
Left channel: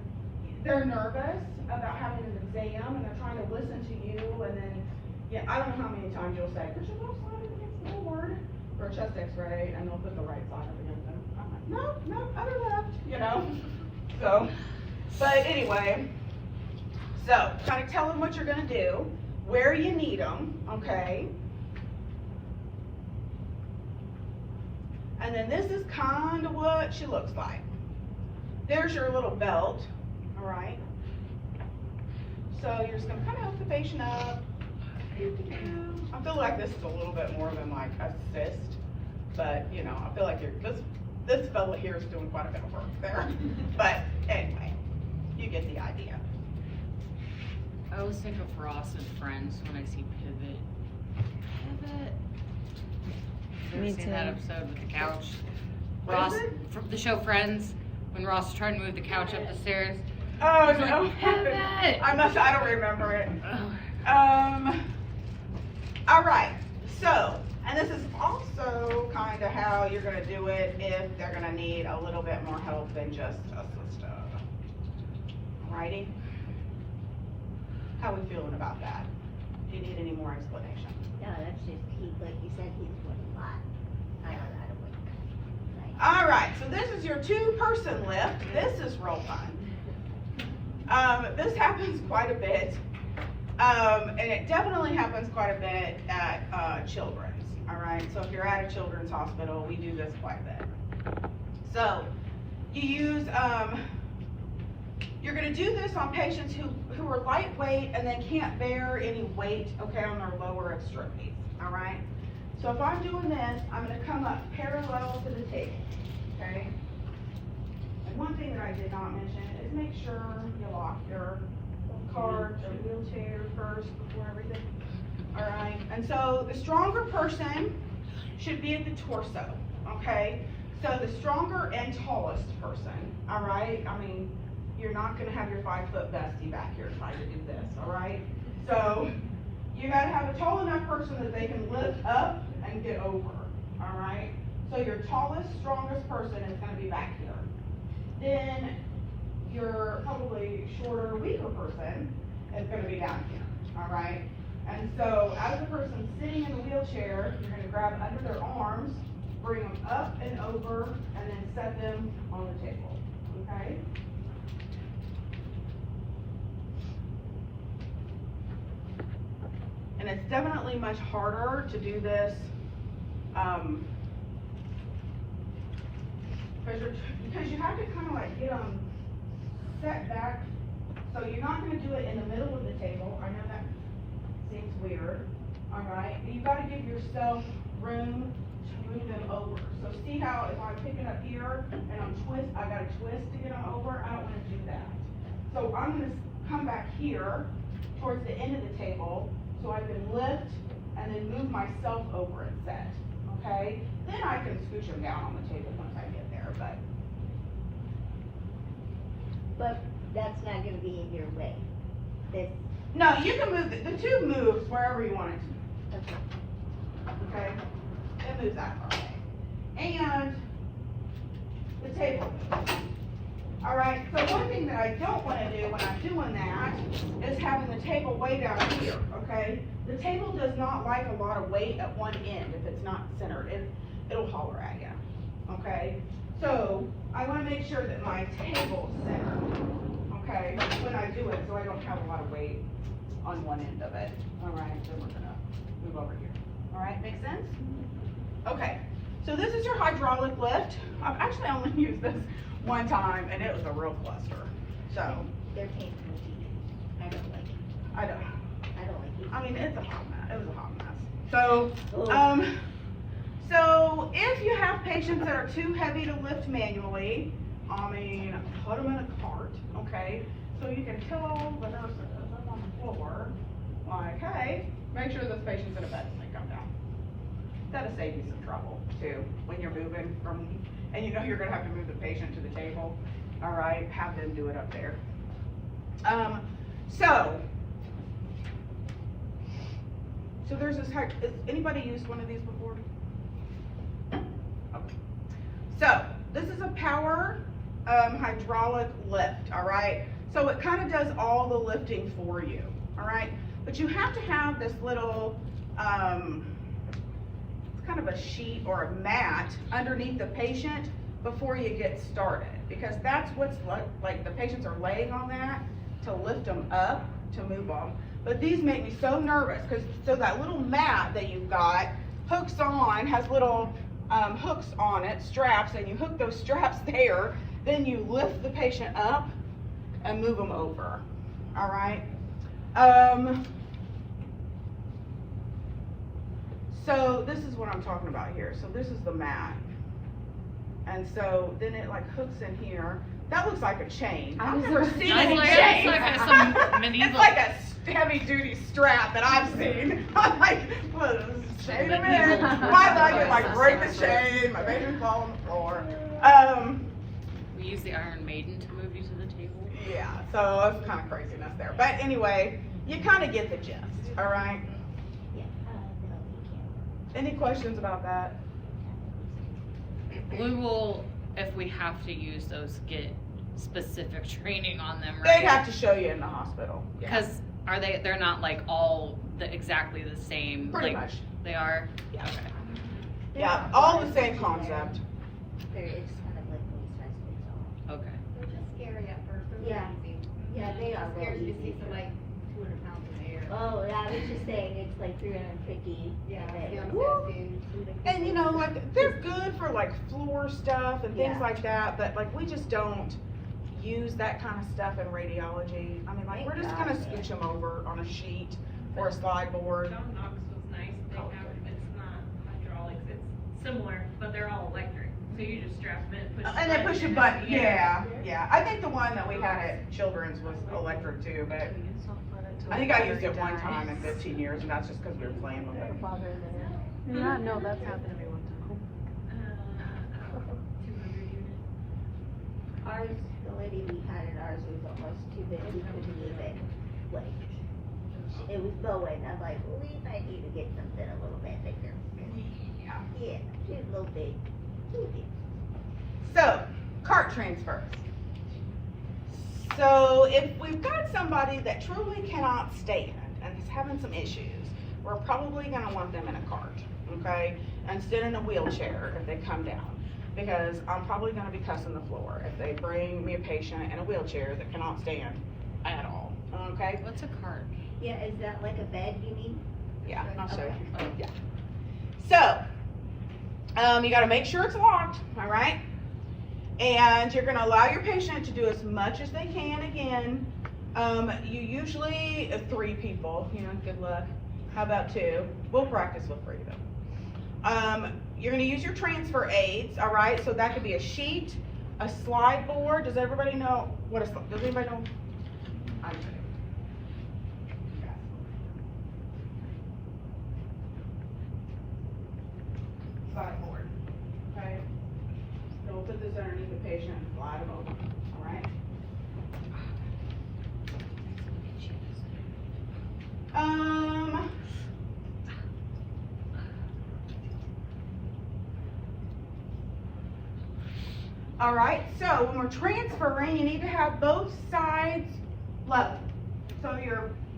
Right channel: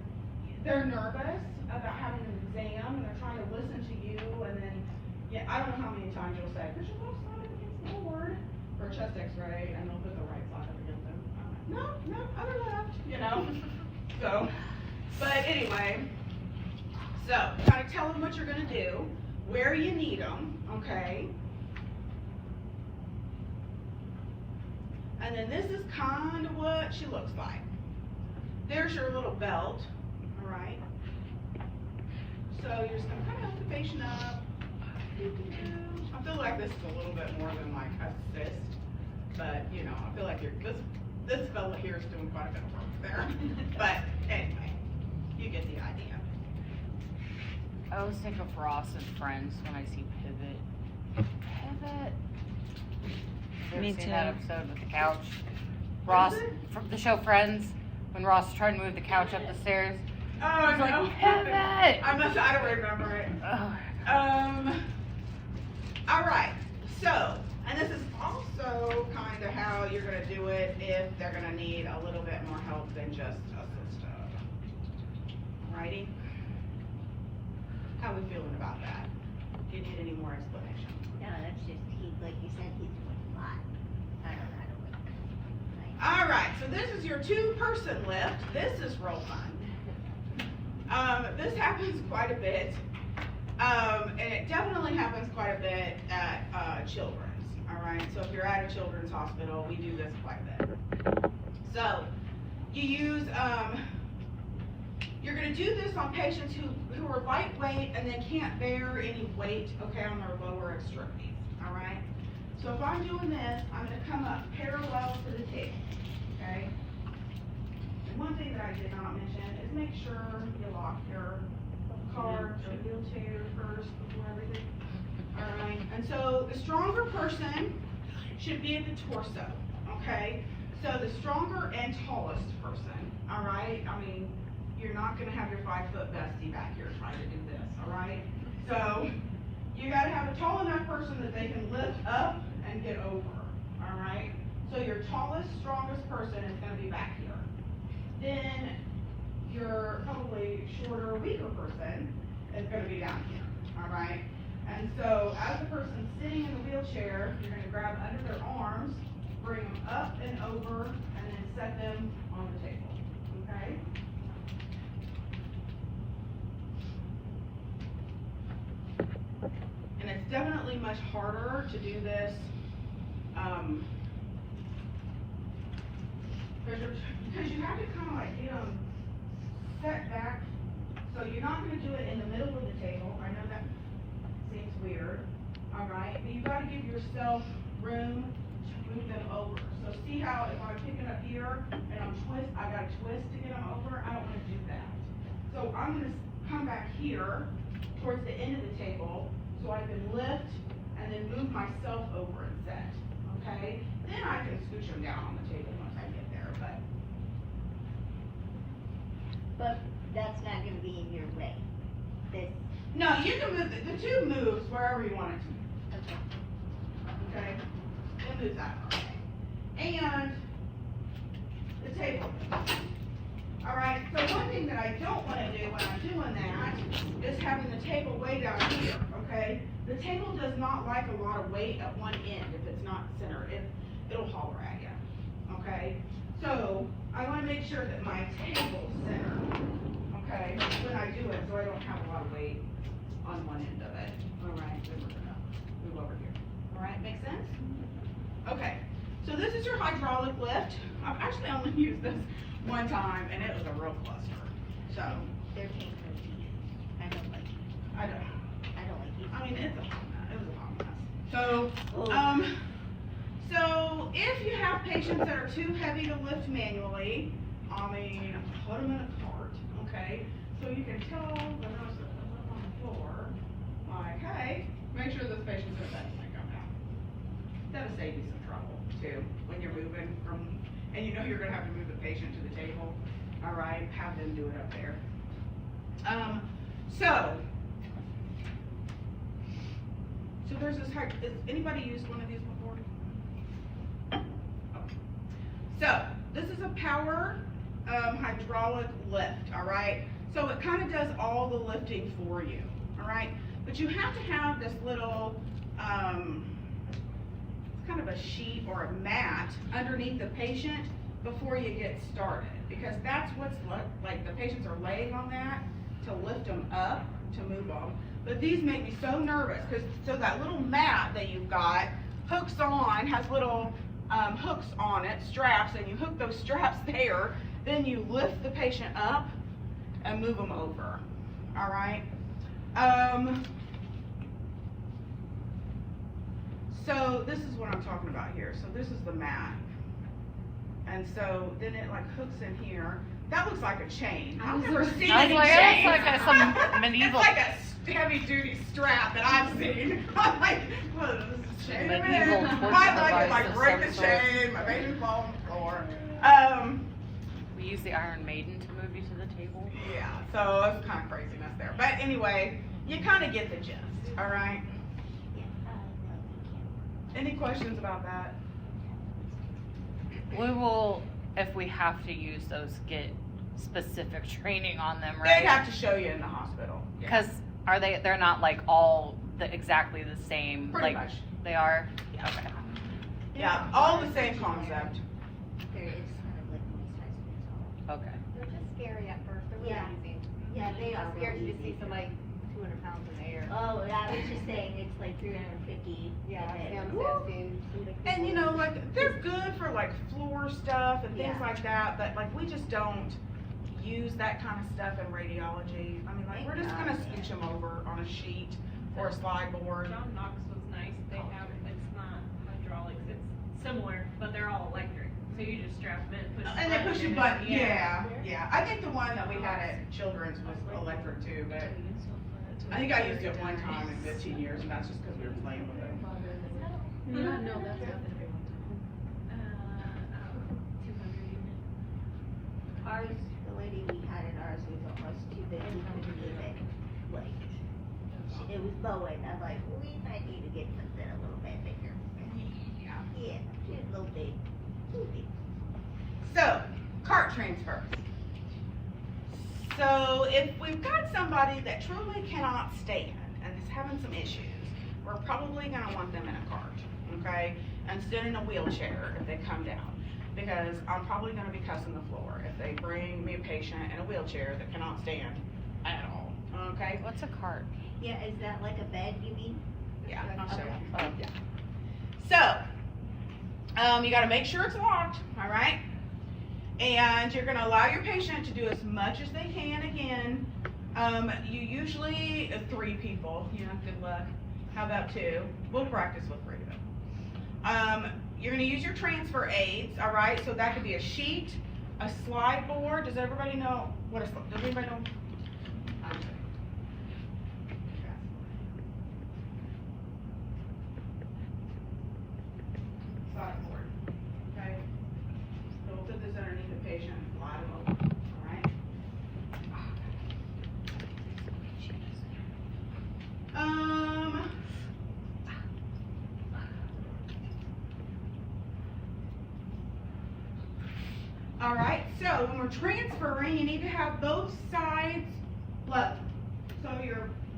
they're nervous about having an exam and they're trying to listen to you, and then, yeah, I don't know how many times you'll say, put your left side against forward for a chest x-ray, and they'll put the right side up against them. I'm like, no, other left, you know? So, but anyway, so kind of tell them what you're gonna do, where you need them, okay? And then this is kind of what she looks like. There's your little belt, all right? So you're just gonna kind of help the patient up. I feel like this is a little bit more than like assist, but you know, I feel like this fella here is doing quite a bit of work there. But anyway, you get the idea. I always think of Ross and Friends when I see Pivot. Pivot. You ever seen that episode with the couch? Ross, from the show Friends, when Ross is trying to move the couch up the stairs. Oh He's no! like, Pivot! I don't remember it. Oh. All right. So, and this is also kind of how you're going to do it if they're going to need a little bit more help than just assisted. Alrighty. How are we feeling about that? Do you need any more explanation? No, that's just, like you said, he's doing a lot. I don't know how to work. Like, All right. So this is your 2-person lift. This is real fun. This happens quite a bit. And it definitely happens quite a bit at children's, all right? So if you're at a children's hospital, we do this quite a bit. So you use gonna do this on patients who are lightweight and then can't bear any weight, okay, on their lower extremities, all right? So if I'm doing this, I'm gonna come up parallel to the table, okay? And one thing that I did not mention is make sure you lock your cart or wheelchair first before everything. All right, and so the stronger person should be at the torso, okay? So the stronger and tallest person, all right? I mean, you're not gonna have your 5-foot bestie back here trying to do this, all right? So you gotta have a tall enough person that they can lift up and get over, all right? So your tallest, strongest person is gonna be back here. Then your probably shorter, weaker person is gonna be down here, all right? And so as the person's sitting in the wheelchair, you're gonna grab under their arms, bring them up and over, and then set them on the table, okay? And it's definitely much harder to do this, because you have to kind of like get them set back. So you're not gonna do it in the middle of the table. I know that seems weird, all right? But you gotta give yourself room to move them over. So see how if I'm picking up here and I gotta twist to get them over, I don't wanna do that. So I'm gonna come back here towards the end of the table so I can lift and then move myself over and set, okay? Then I can scooch them down on the table once I get there, But that's not gonna be in your way. This, no, you can move it. The tube moves wherever you want it to. okay. Okay, it moves that far away. And the table moves. All right, so one thing that I don't want to do when I'm doing that is having the table way down here, okay? The table does not like a lot of weight at one end if it's not centered. It'll holler at you, okay? So I want to make sure that my table's centered, okay, when I do it, so I don't have a lot of weight on one end of it. All right, then we're gonna move over here. All right, make sense? Okay, so this is your hydraulic lift. I've actually only used this one time, and it was a real cluster. So There came no teeth. I don't like it. I don't. I don't like teeth. I mean, it's a hot mess. It was a hot mess. So, Oh. so if you have patients that are too heavy to lift manually, I mean, put them in a cart, okay? So you can tell the nurses up on the floor, like, hey, make sure this patient's in a bed when they come down. That'll save you some trouble too, when you're moving from, and you know you're gonna have to move the patient to the table, all right? Have them do it up there. So there's this, has anybody used one of these before? Okay. So this is a power hydraulic lift, all right? So it kind of does all the lifting for you, all right? But you have to have this little, it's kind of a sheet or a mat underneath the patient before you get started, because that's what's like the patients are laying on that to lift them up, to move them. But these make me so nervous, because so that little mat that you've got hooks on, has little hooks on it, straps, and you hook those straps there, then you lift the patient up and move them over, all right? So this is what I'm talking about here. So this is the mat. And so then it like hooks in here. That looks like a chain. I've never seen I was a like, chain. that's like some It's medieval. like a heavy duty strap that I've seen. I'm like, what is this chain? Medieval Why like it? Like versus break the service. chain, my baby fall on the floor. We use the Iron Maiden to move you to the table. Yeah, so it's kind of craziness there. But anyway, you kind of get the gist, all right? Yeah, no, we can't. Any questions about that? We will, if we have to use those, get specific training on them, They'd have right? to show you in the hospital. Yeah. Because they're not like all exactly the same. Pretty like, much. They are? Yeah. Okay. Yeah, all the same concept. It's kind of like one size fits all. Okay. They're just scary at first, they're Yeah. really easy. Yeah, they are I'm scared really to see easy. somebody 200 pounds in the air. Oh, yeah, I was just saying, it's like 350. Yeah, and yeah, then- And you know, like, they're good for like floor stuff and things Yeah. like that, but like, we just don't use that kind of stuff in radiology. I mean, like, we're just gonna switch them over on a sheet or a slide board. John Knox was nice, they have, it's not hydraulics, it's similar, but they're all electric, so you just strap them in, push the And they push a and- button, yeah. I think the one that we had at Children's was electric too, but I think I used it one time in 15 years, and that's just because we were playing with it. Yeah, no, that's not everyone's home. 200 unit. Ours, the lady we had in ours was almost too big, we couldn't even, like, it was Bowen, I'm like, we might need to get something a little bit bigger. Yeah, she was a little big, too big. So, cart transfers. So, if we've got somebody that truly cannot stand and is having some issues, we're probably gonna want them in a cart, okay? Instead in a wheelchair if they come down, because I'm probably gonna be cussing the floor if they bring me a patient in a wheelchair that cannot stand at all, okay? What's a cart? Yeah, is that like a bed, you mean? Yeah, I'll show Okay. you. Yeah. So, you gotta make sure it's locked, all right? And you're gonna allow your patient to do as much as they can again. You usually, 3 people, you know, good luck. How about 2? We'll practice with 3 though. You're gonna use your transfer aids, all right? So that could be a sheet, a slide board. Does everybody know what does anybody know? Slide board, okay? So we'll put this underneath the patient and slide them over, all right? All right, so when we're transferring, you need to have both sides level. So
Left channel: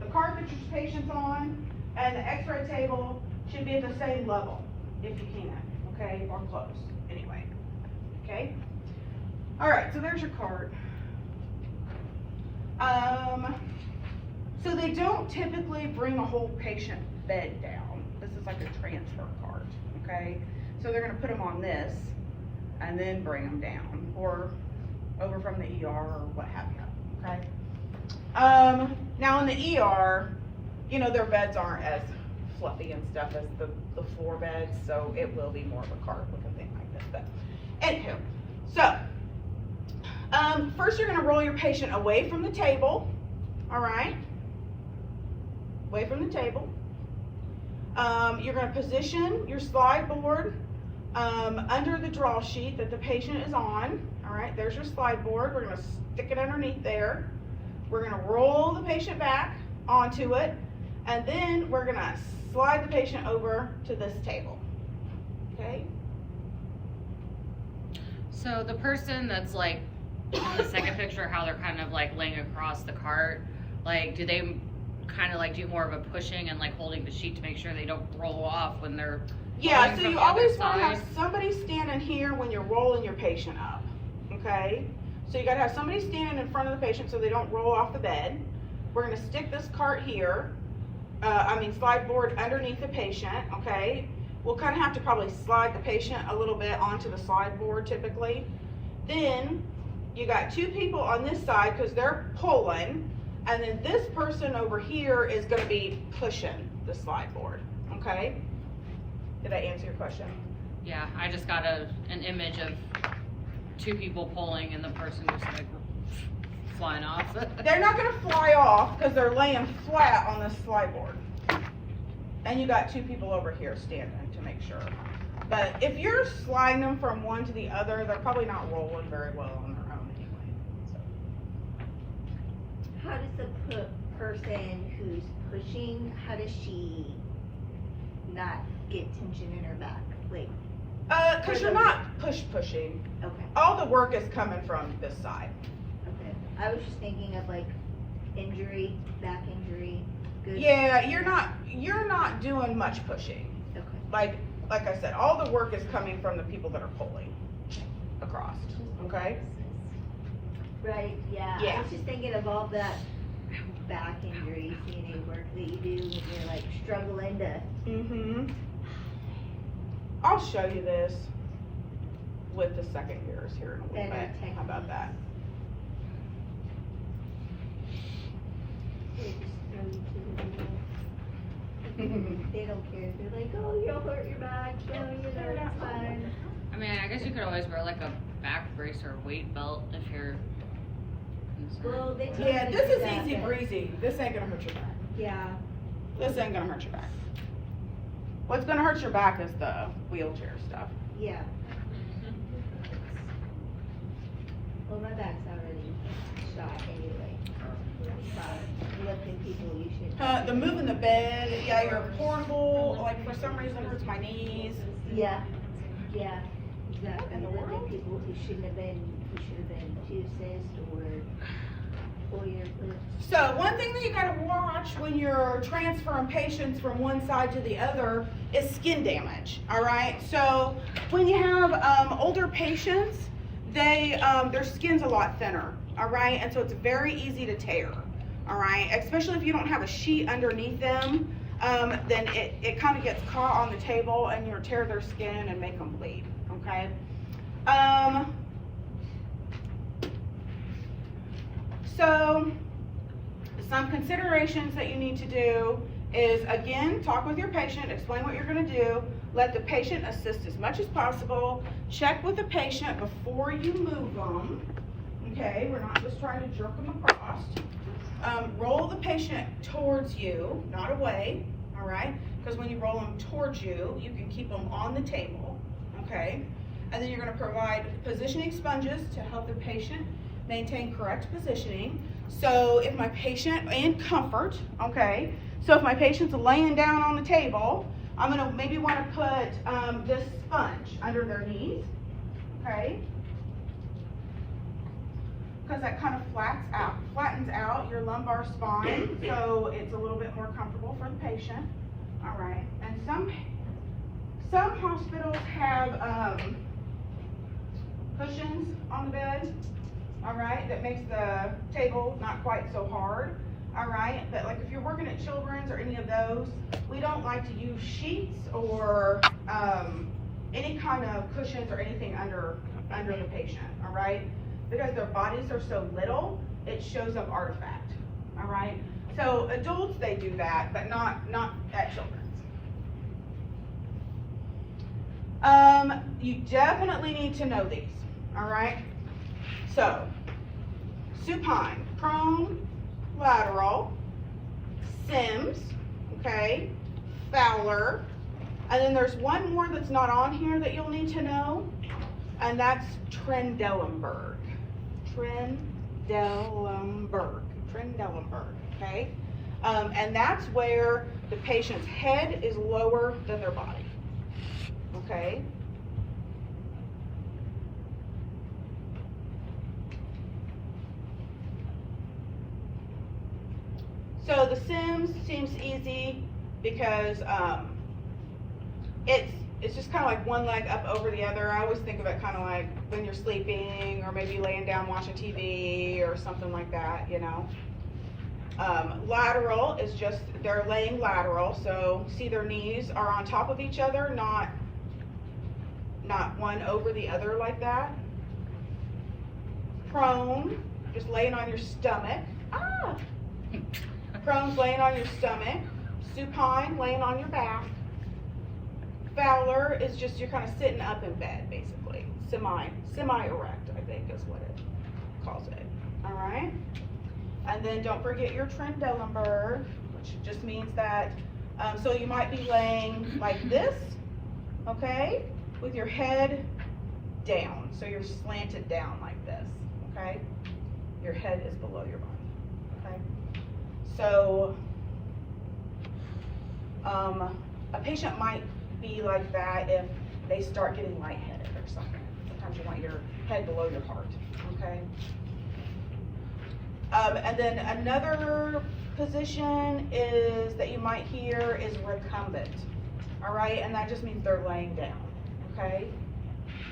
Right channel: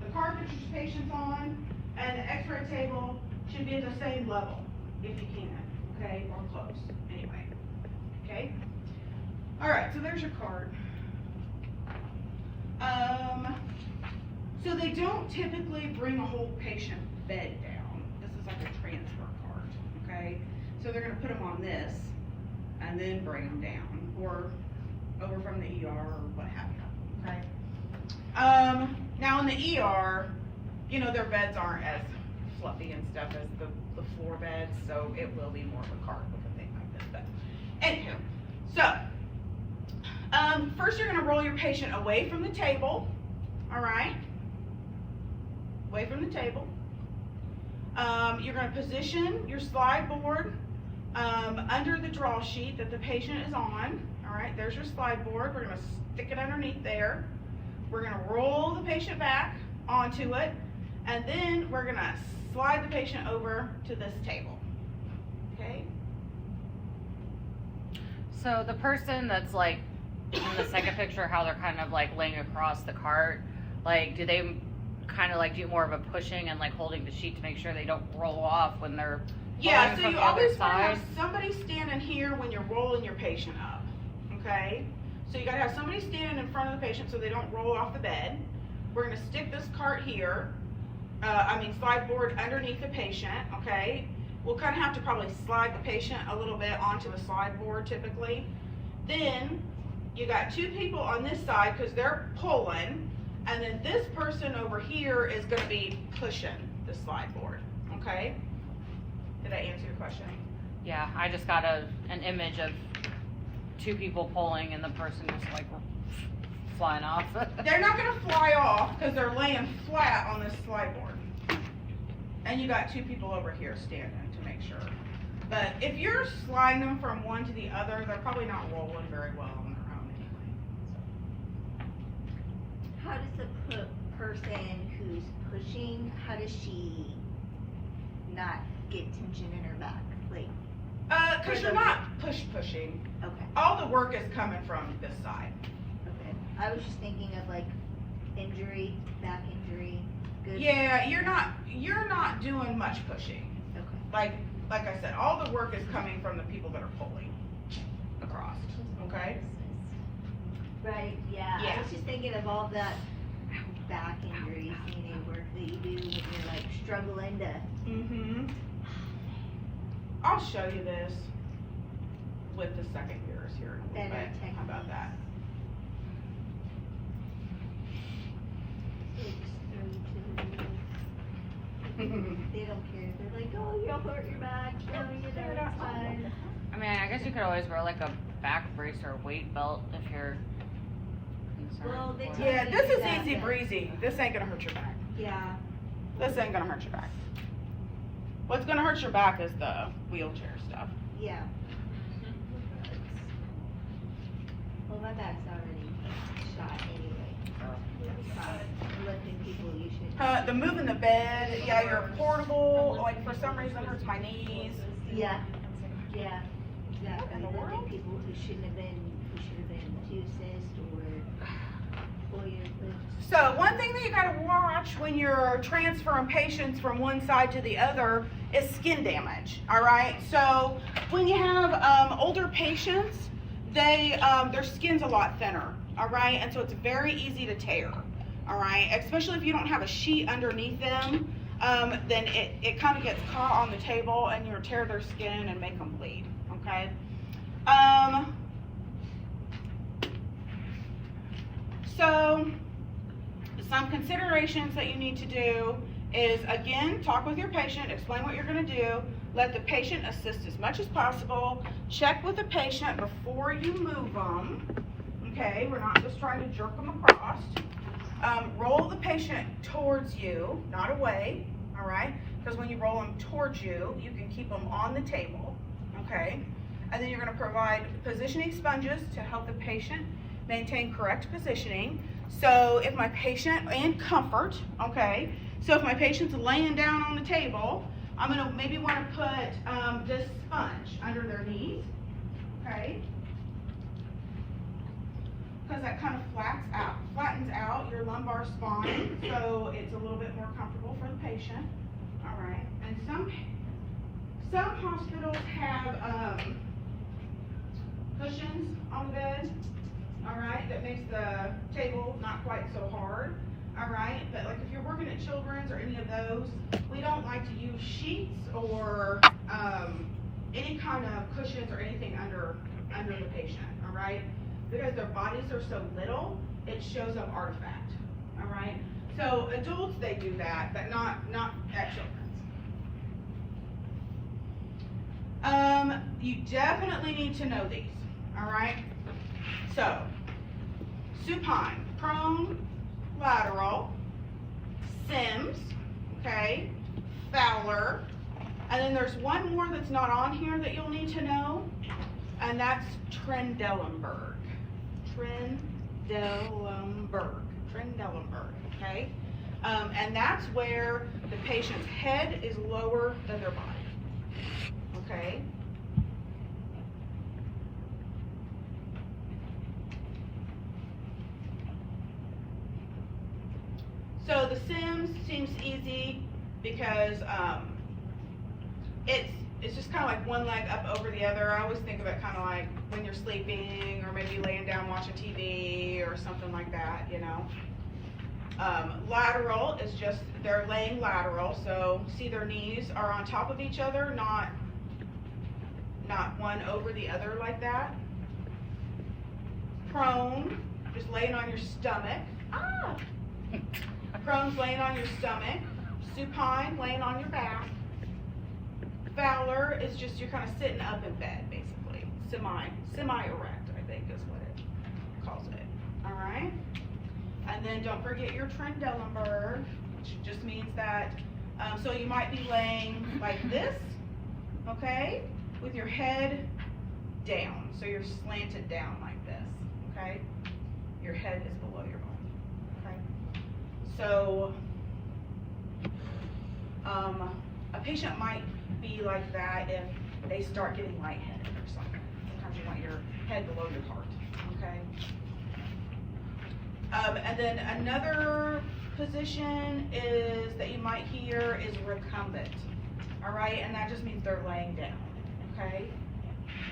the cart that your patient's on and the x-ray table should be at the same level if you can, okay, or close, anyway, okay? All right, so there's your cart. So they don't typically bring a whole patient bed down. This is like a transfer cart, okay? So they're gonna put them on this and then bring them down, or over from the ER or what have you, okay? Now in the ER, you know, their beds aren't as fluffy and stuff as the floor beds, so it will be more of a cart with a thing like this, but anywho. So, first you're gonna roll your patient away from the table, all right? Away from the table. You're gonna position your slide board under the draw sheet that the patient is on. All right, there's your slide board. We're gonna stick it underneath there. We're gonna roll the patient back onto it, and then we're gonna slide the patient over to this table, okay? So the person that's like, on the second picture, how they're kind of like laying across the cart, like, do they kind of like do more of a pushing and like holding the sheet to make sure they don't roll off when they're Yeah, rolling so from you the other always wanna have side? somebody standing here when you're rolling your patient up, okay? So you gotta have somebody standing in front of the patient so they don't roll off the bed. We're gonna stick this cart here, slide board underneath the patient, okay? We'll kind of have to probably slide the patient a little bit onto the slide board typically. Then you got 2 people on this side because they're pulling, and then this person over here is gonna be pushing the slide board, okay? Did I answer your question? Yeah, I just got an image of 2 people pulling and the person just like flying off. They're not gonna fly off because they're laying flat on this slide board. And you got 2 people over here standing to make sure. But if you're sliding them from one to the other, they're probably not rolling very well on their own anyway. How does the person who's pushing, how does she not get tension in her back? Like, Cause you're not pushing. okay, All the work is coming from this side. okay. I was just thinking of like injury, back injury, good. Yeah, you're not doing much pushing. Okay. Like I said, all the work is coming from the people that are pulling across, okay? Right, yeah. Yeah. I was just thinking of all that back injury, CNA work that you do when you're like struggling to. Mm-hmm. I'll show you this with the second years here in a little Better bit. How about that? don't care. They're like, oh, you'll hurt your back, so it's fine. I mean, I guess you could always wear like a back brace or a weight belt if you're concerned. Well, they Yeah, tend to this do is that, easy but- breezy. This ain't gonna hurt your back. Yeah. This ain't gonna hurt your back. What's gonna hurt your back is the wheelchair stuff. Yeah. Well, my back's already shot anyway. Lifting people, you should. The moving the bed, yeah, you're portable, like for some reason it hurts my knees. Yeah, yeah, exactly. in the Lifting world? people who should have been two assist or full year foot. So one thing that you gotta watch when you're transferring patients from one side to the other is skin damage, all right? So when you have older patients, their skin's a lot thinner, all right? And so it's very easy to tear, all right? Especially if you don't have a sheet underneath them, then it kind of gets caught on the table and you'll tear their skin and make them bleed, okay? So some considerations that you need to do is, again, talk with your patient, explain what you're gonna do, let the patient assist as much as possible, check with the patient before you move them, okay? We're not just trying to jerk them across. Roll the patient towards you, not away, all right? Because when you roll them towards you, you can keep them on the table, okay? And then you're gonna provide positioning sponges to help the patient maintain correct positioning. So if my patient, and comfort, okay? So if my patient's laying down on the table, I'm gonna maybe wanna put this sponge under their knees, okay? Because that kind of flattens out your lumbar spine, so it's a little bit more comfortable for the patient, all right? And some hospitals have cushions on the bed, all right, that makes the table not quite so hard, all right? But like if you're working at Children's or any of those, we don't like to use sheets or any kind of cushions or anything under the patient, all right? Because their bodies are so little, it shows up artifact, all right? So adults, they do that, but not at Children's. You definitely need to know these, all right? So, supine, prone, lateral, Sims, okay, Fowler, and then there's one more that's not on here that you'll need to know, and that's Trendelenburg. Trendelenburg, okay? And that's where the patient's head is lower than their body, okay? So the Sims seems easy because it's just kind of like one leg up over the other. I always think of it kind of like when you're sleeping or maybe laying down watching TV or something like that, you know. Lateral is just, they're laying lateral, so see their knees are on top of each other, not one over the other like that. Prone, just laying on your stomach. Prone's laying on your stomach. Supine, laying on your back. Fowler is just, you're kind of sitting up in bed, basically. Semi-erect, I think is what it calls it. All right? And then don't forget your Trendelenburg, which just means that, so you might be laying like this, okay? With your head down. So you're slanted down like this, okay? Your head is below your body, okay? So, a patient might be like that if they start getting lightheaded or something. Sometimes you want your head below your heart, okay? And then another position is that you might hear is recumbent, all right? And that just means they're laying down, okay?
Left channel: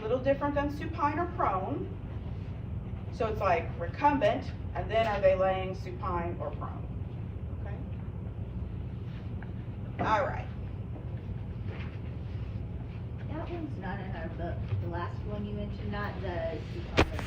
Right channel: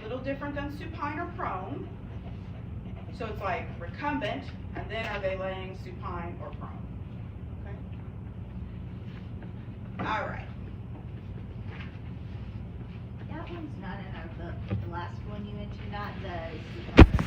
A little different than supine or prone. So it's like recumbent, and then are they laying supine or prone, okay? All right. That one's not in our book. The last one you mentioned, not the supine.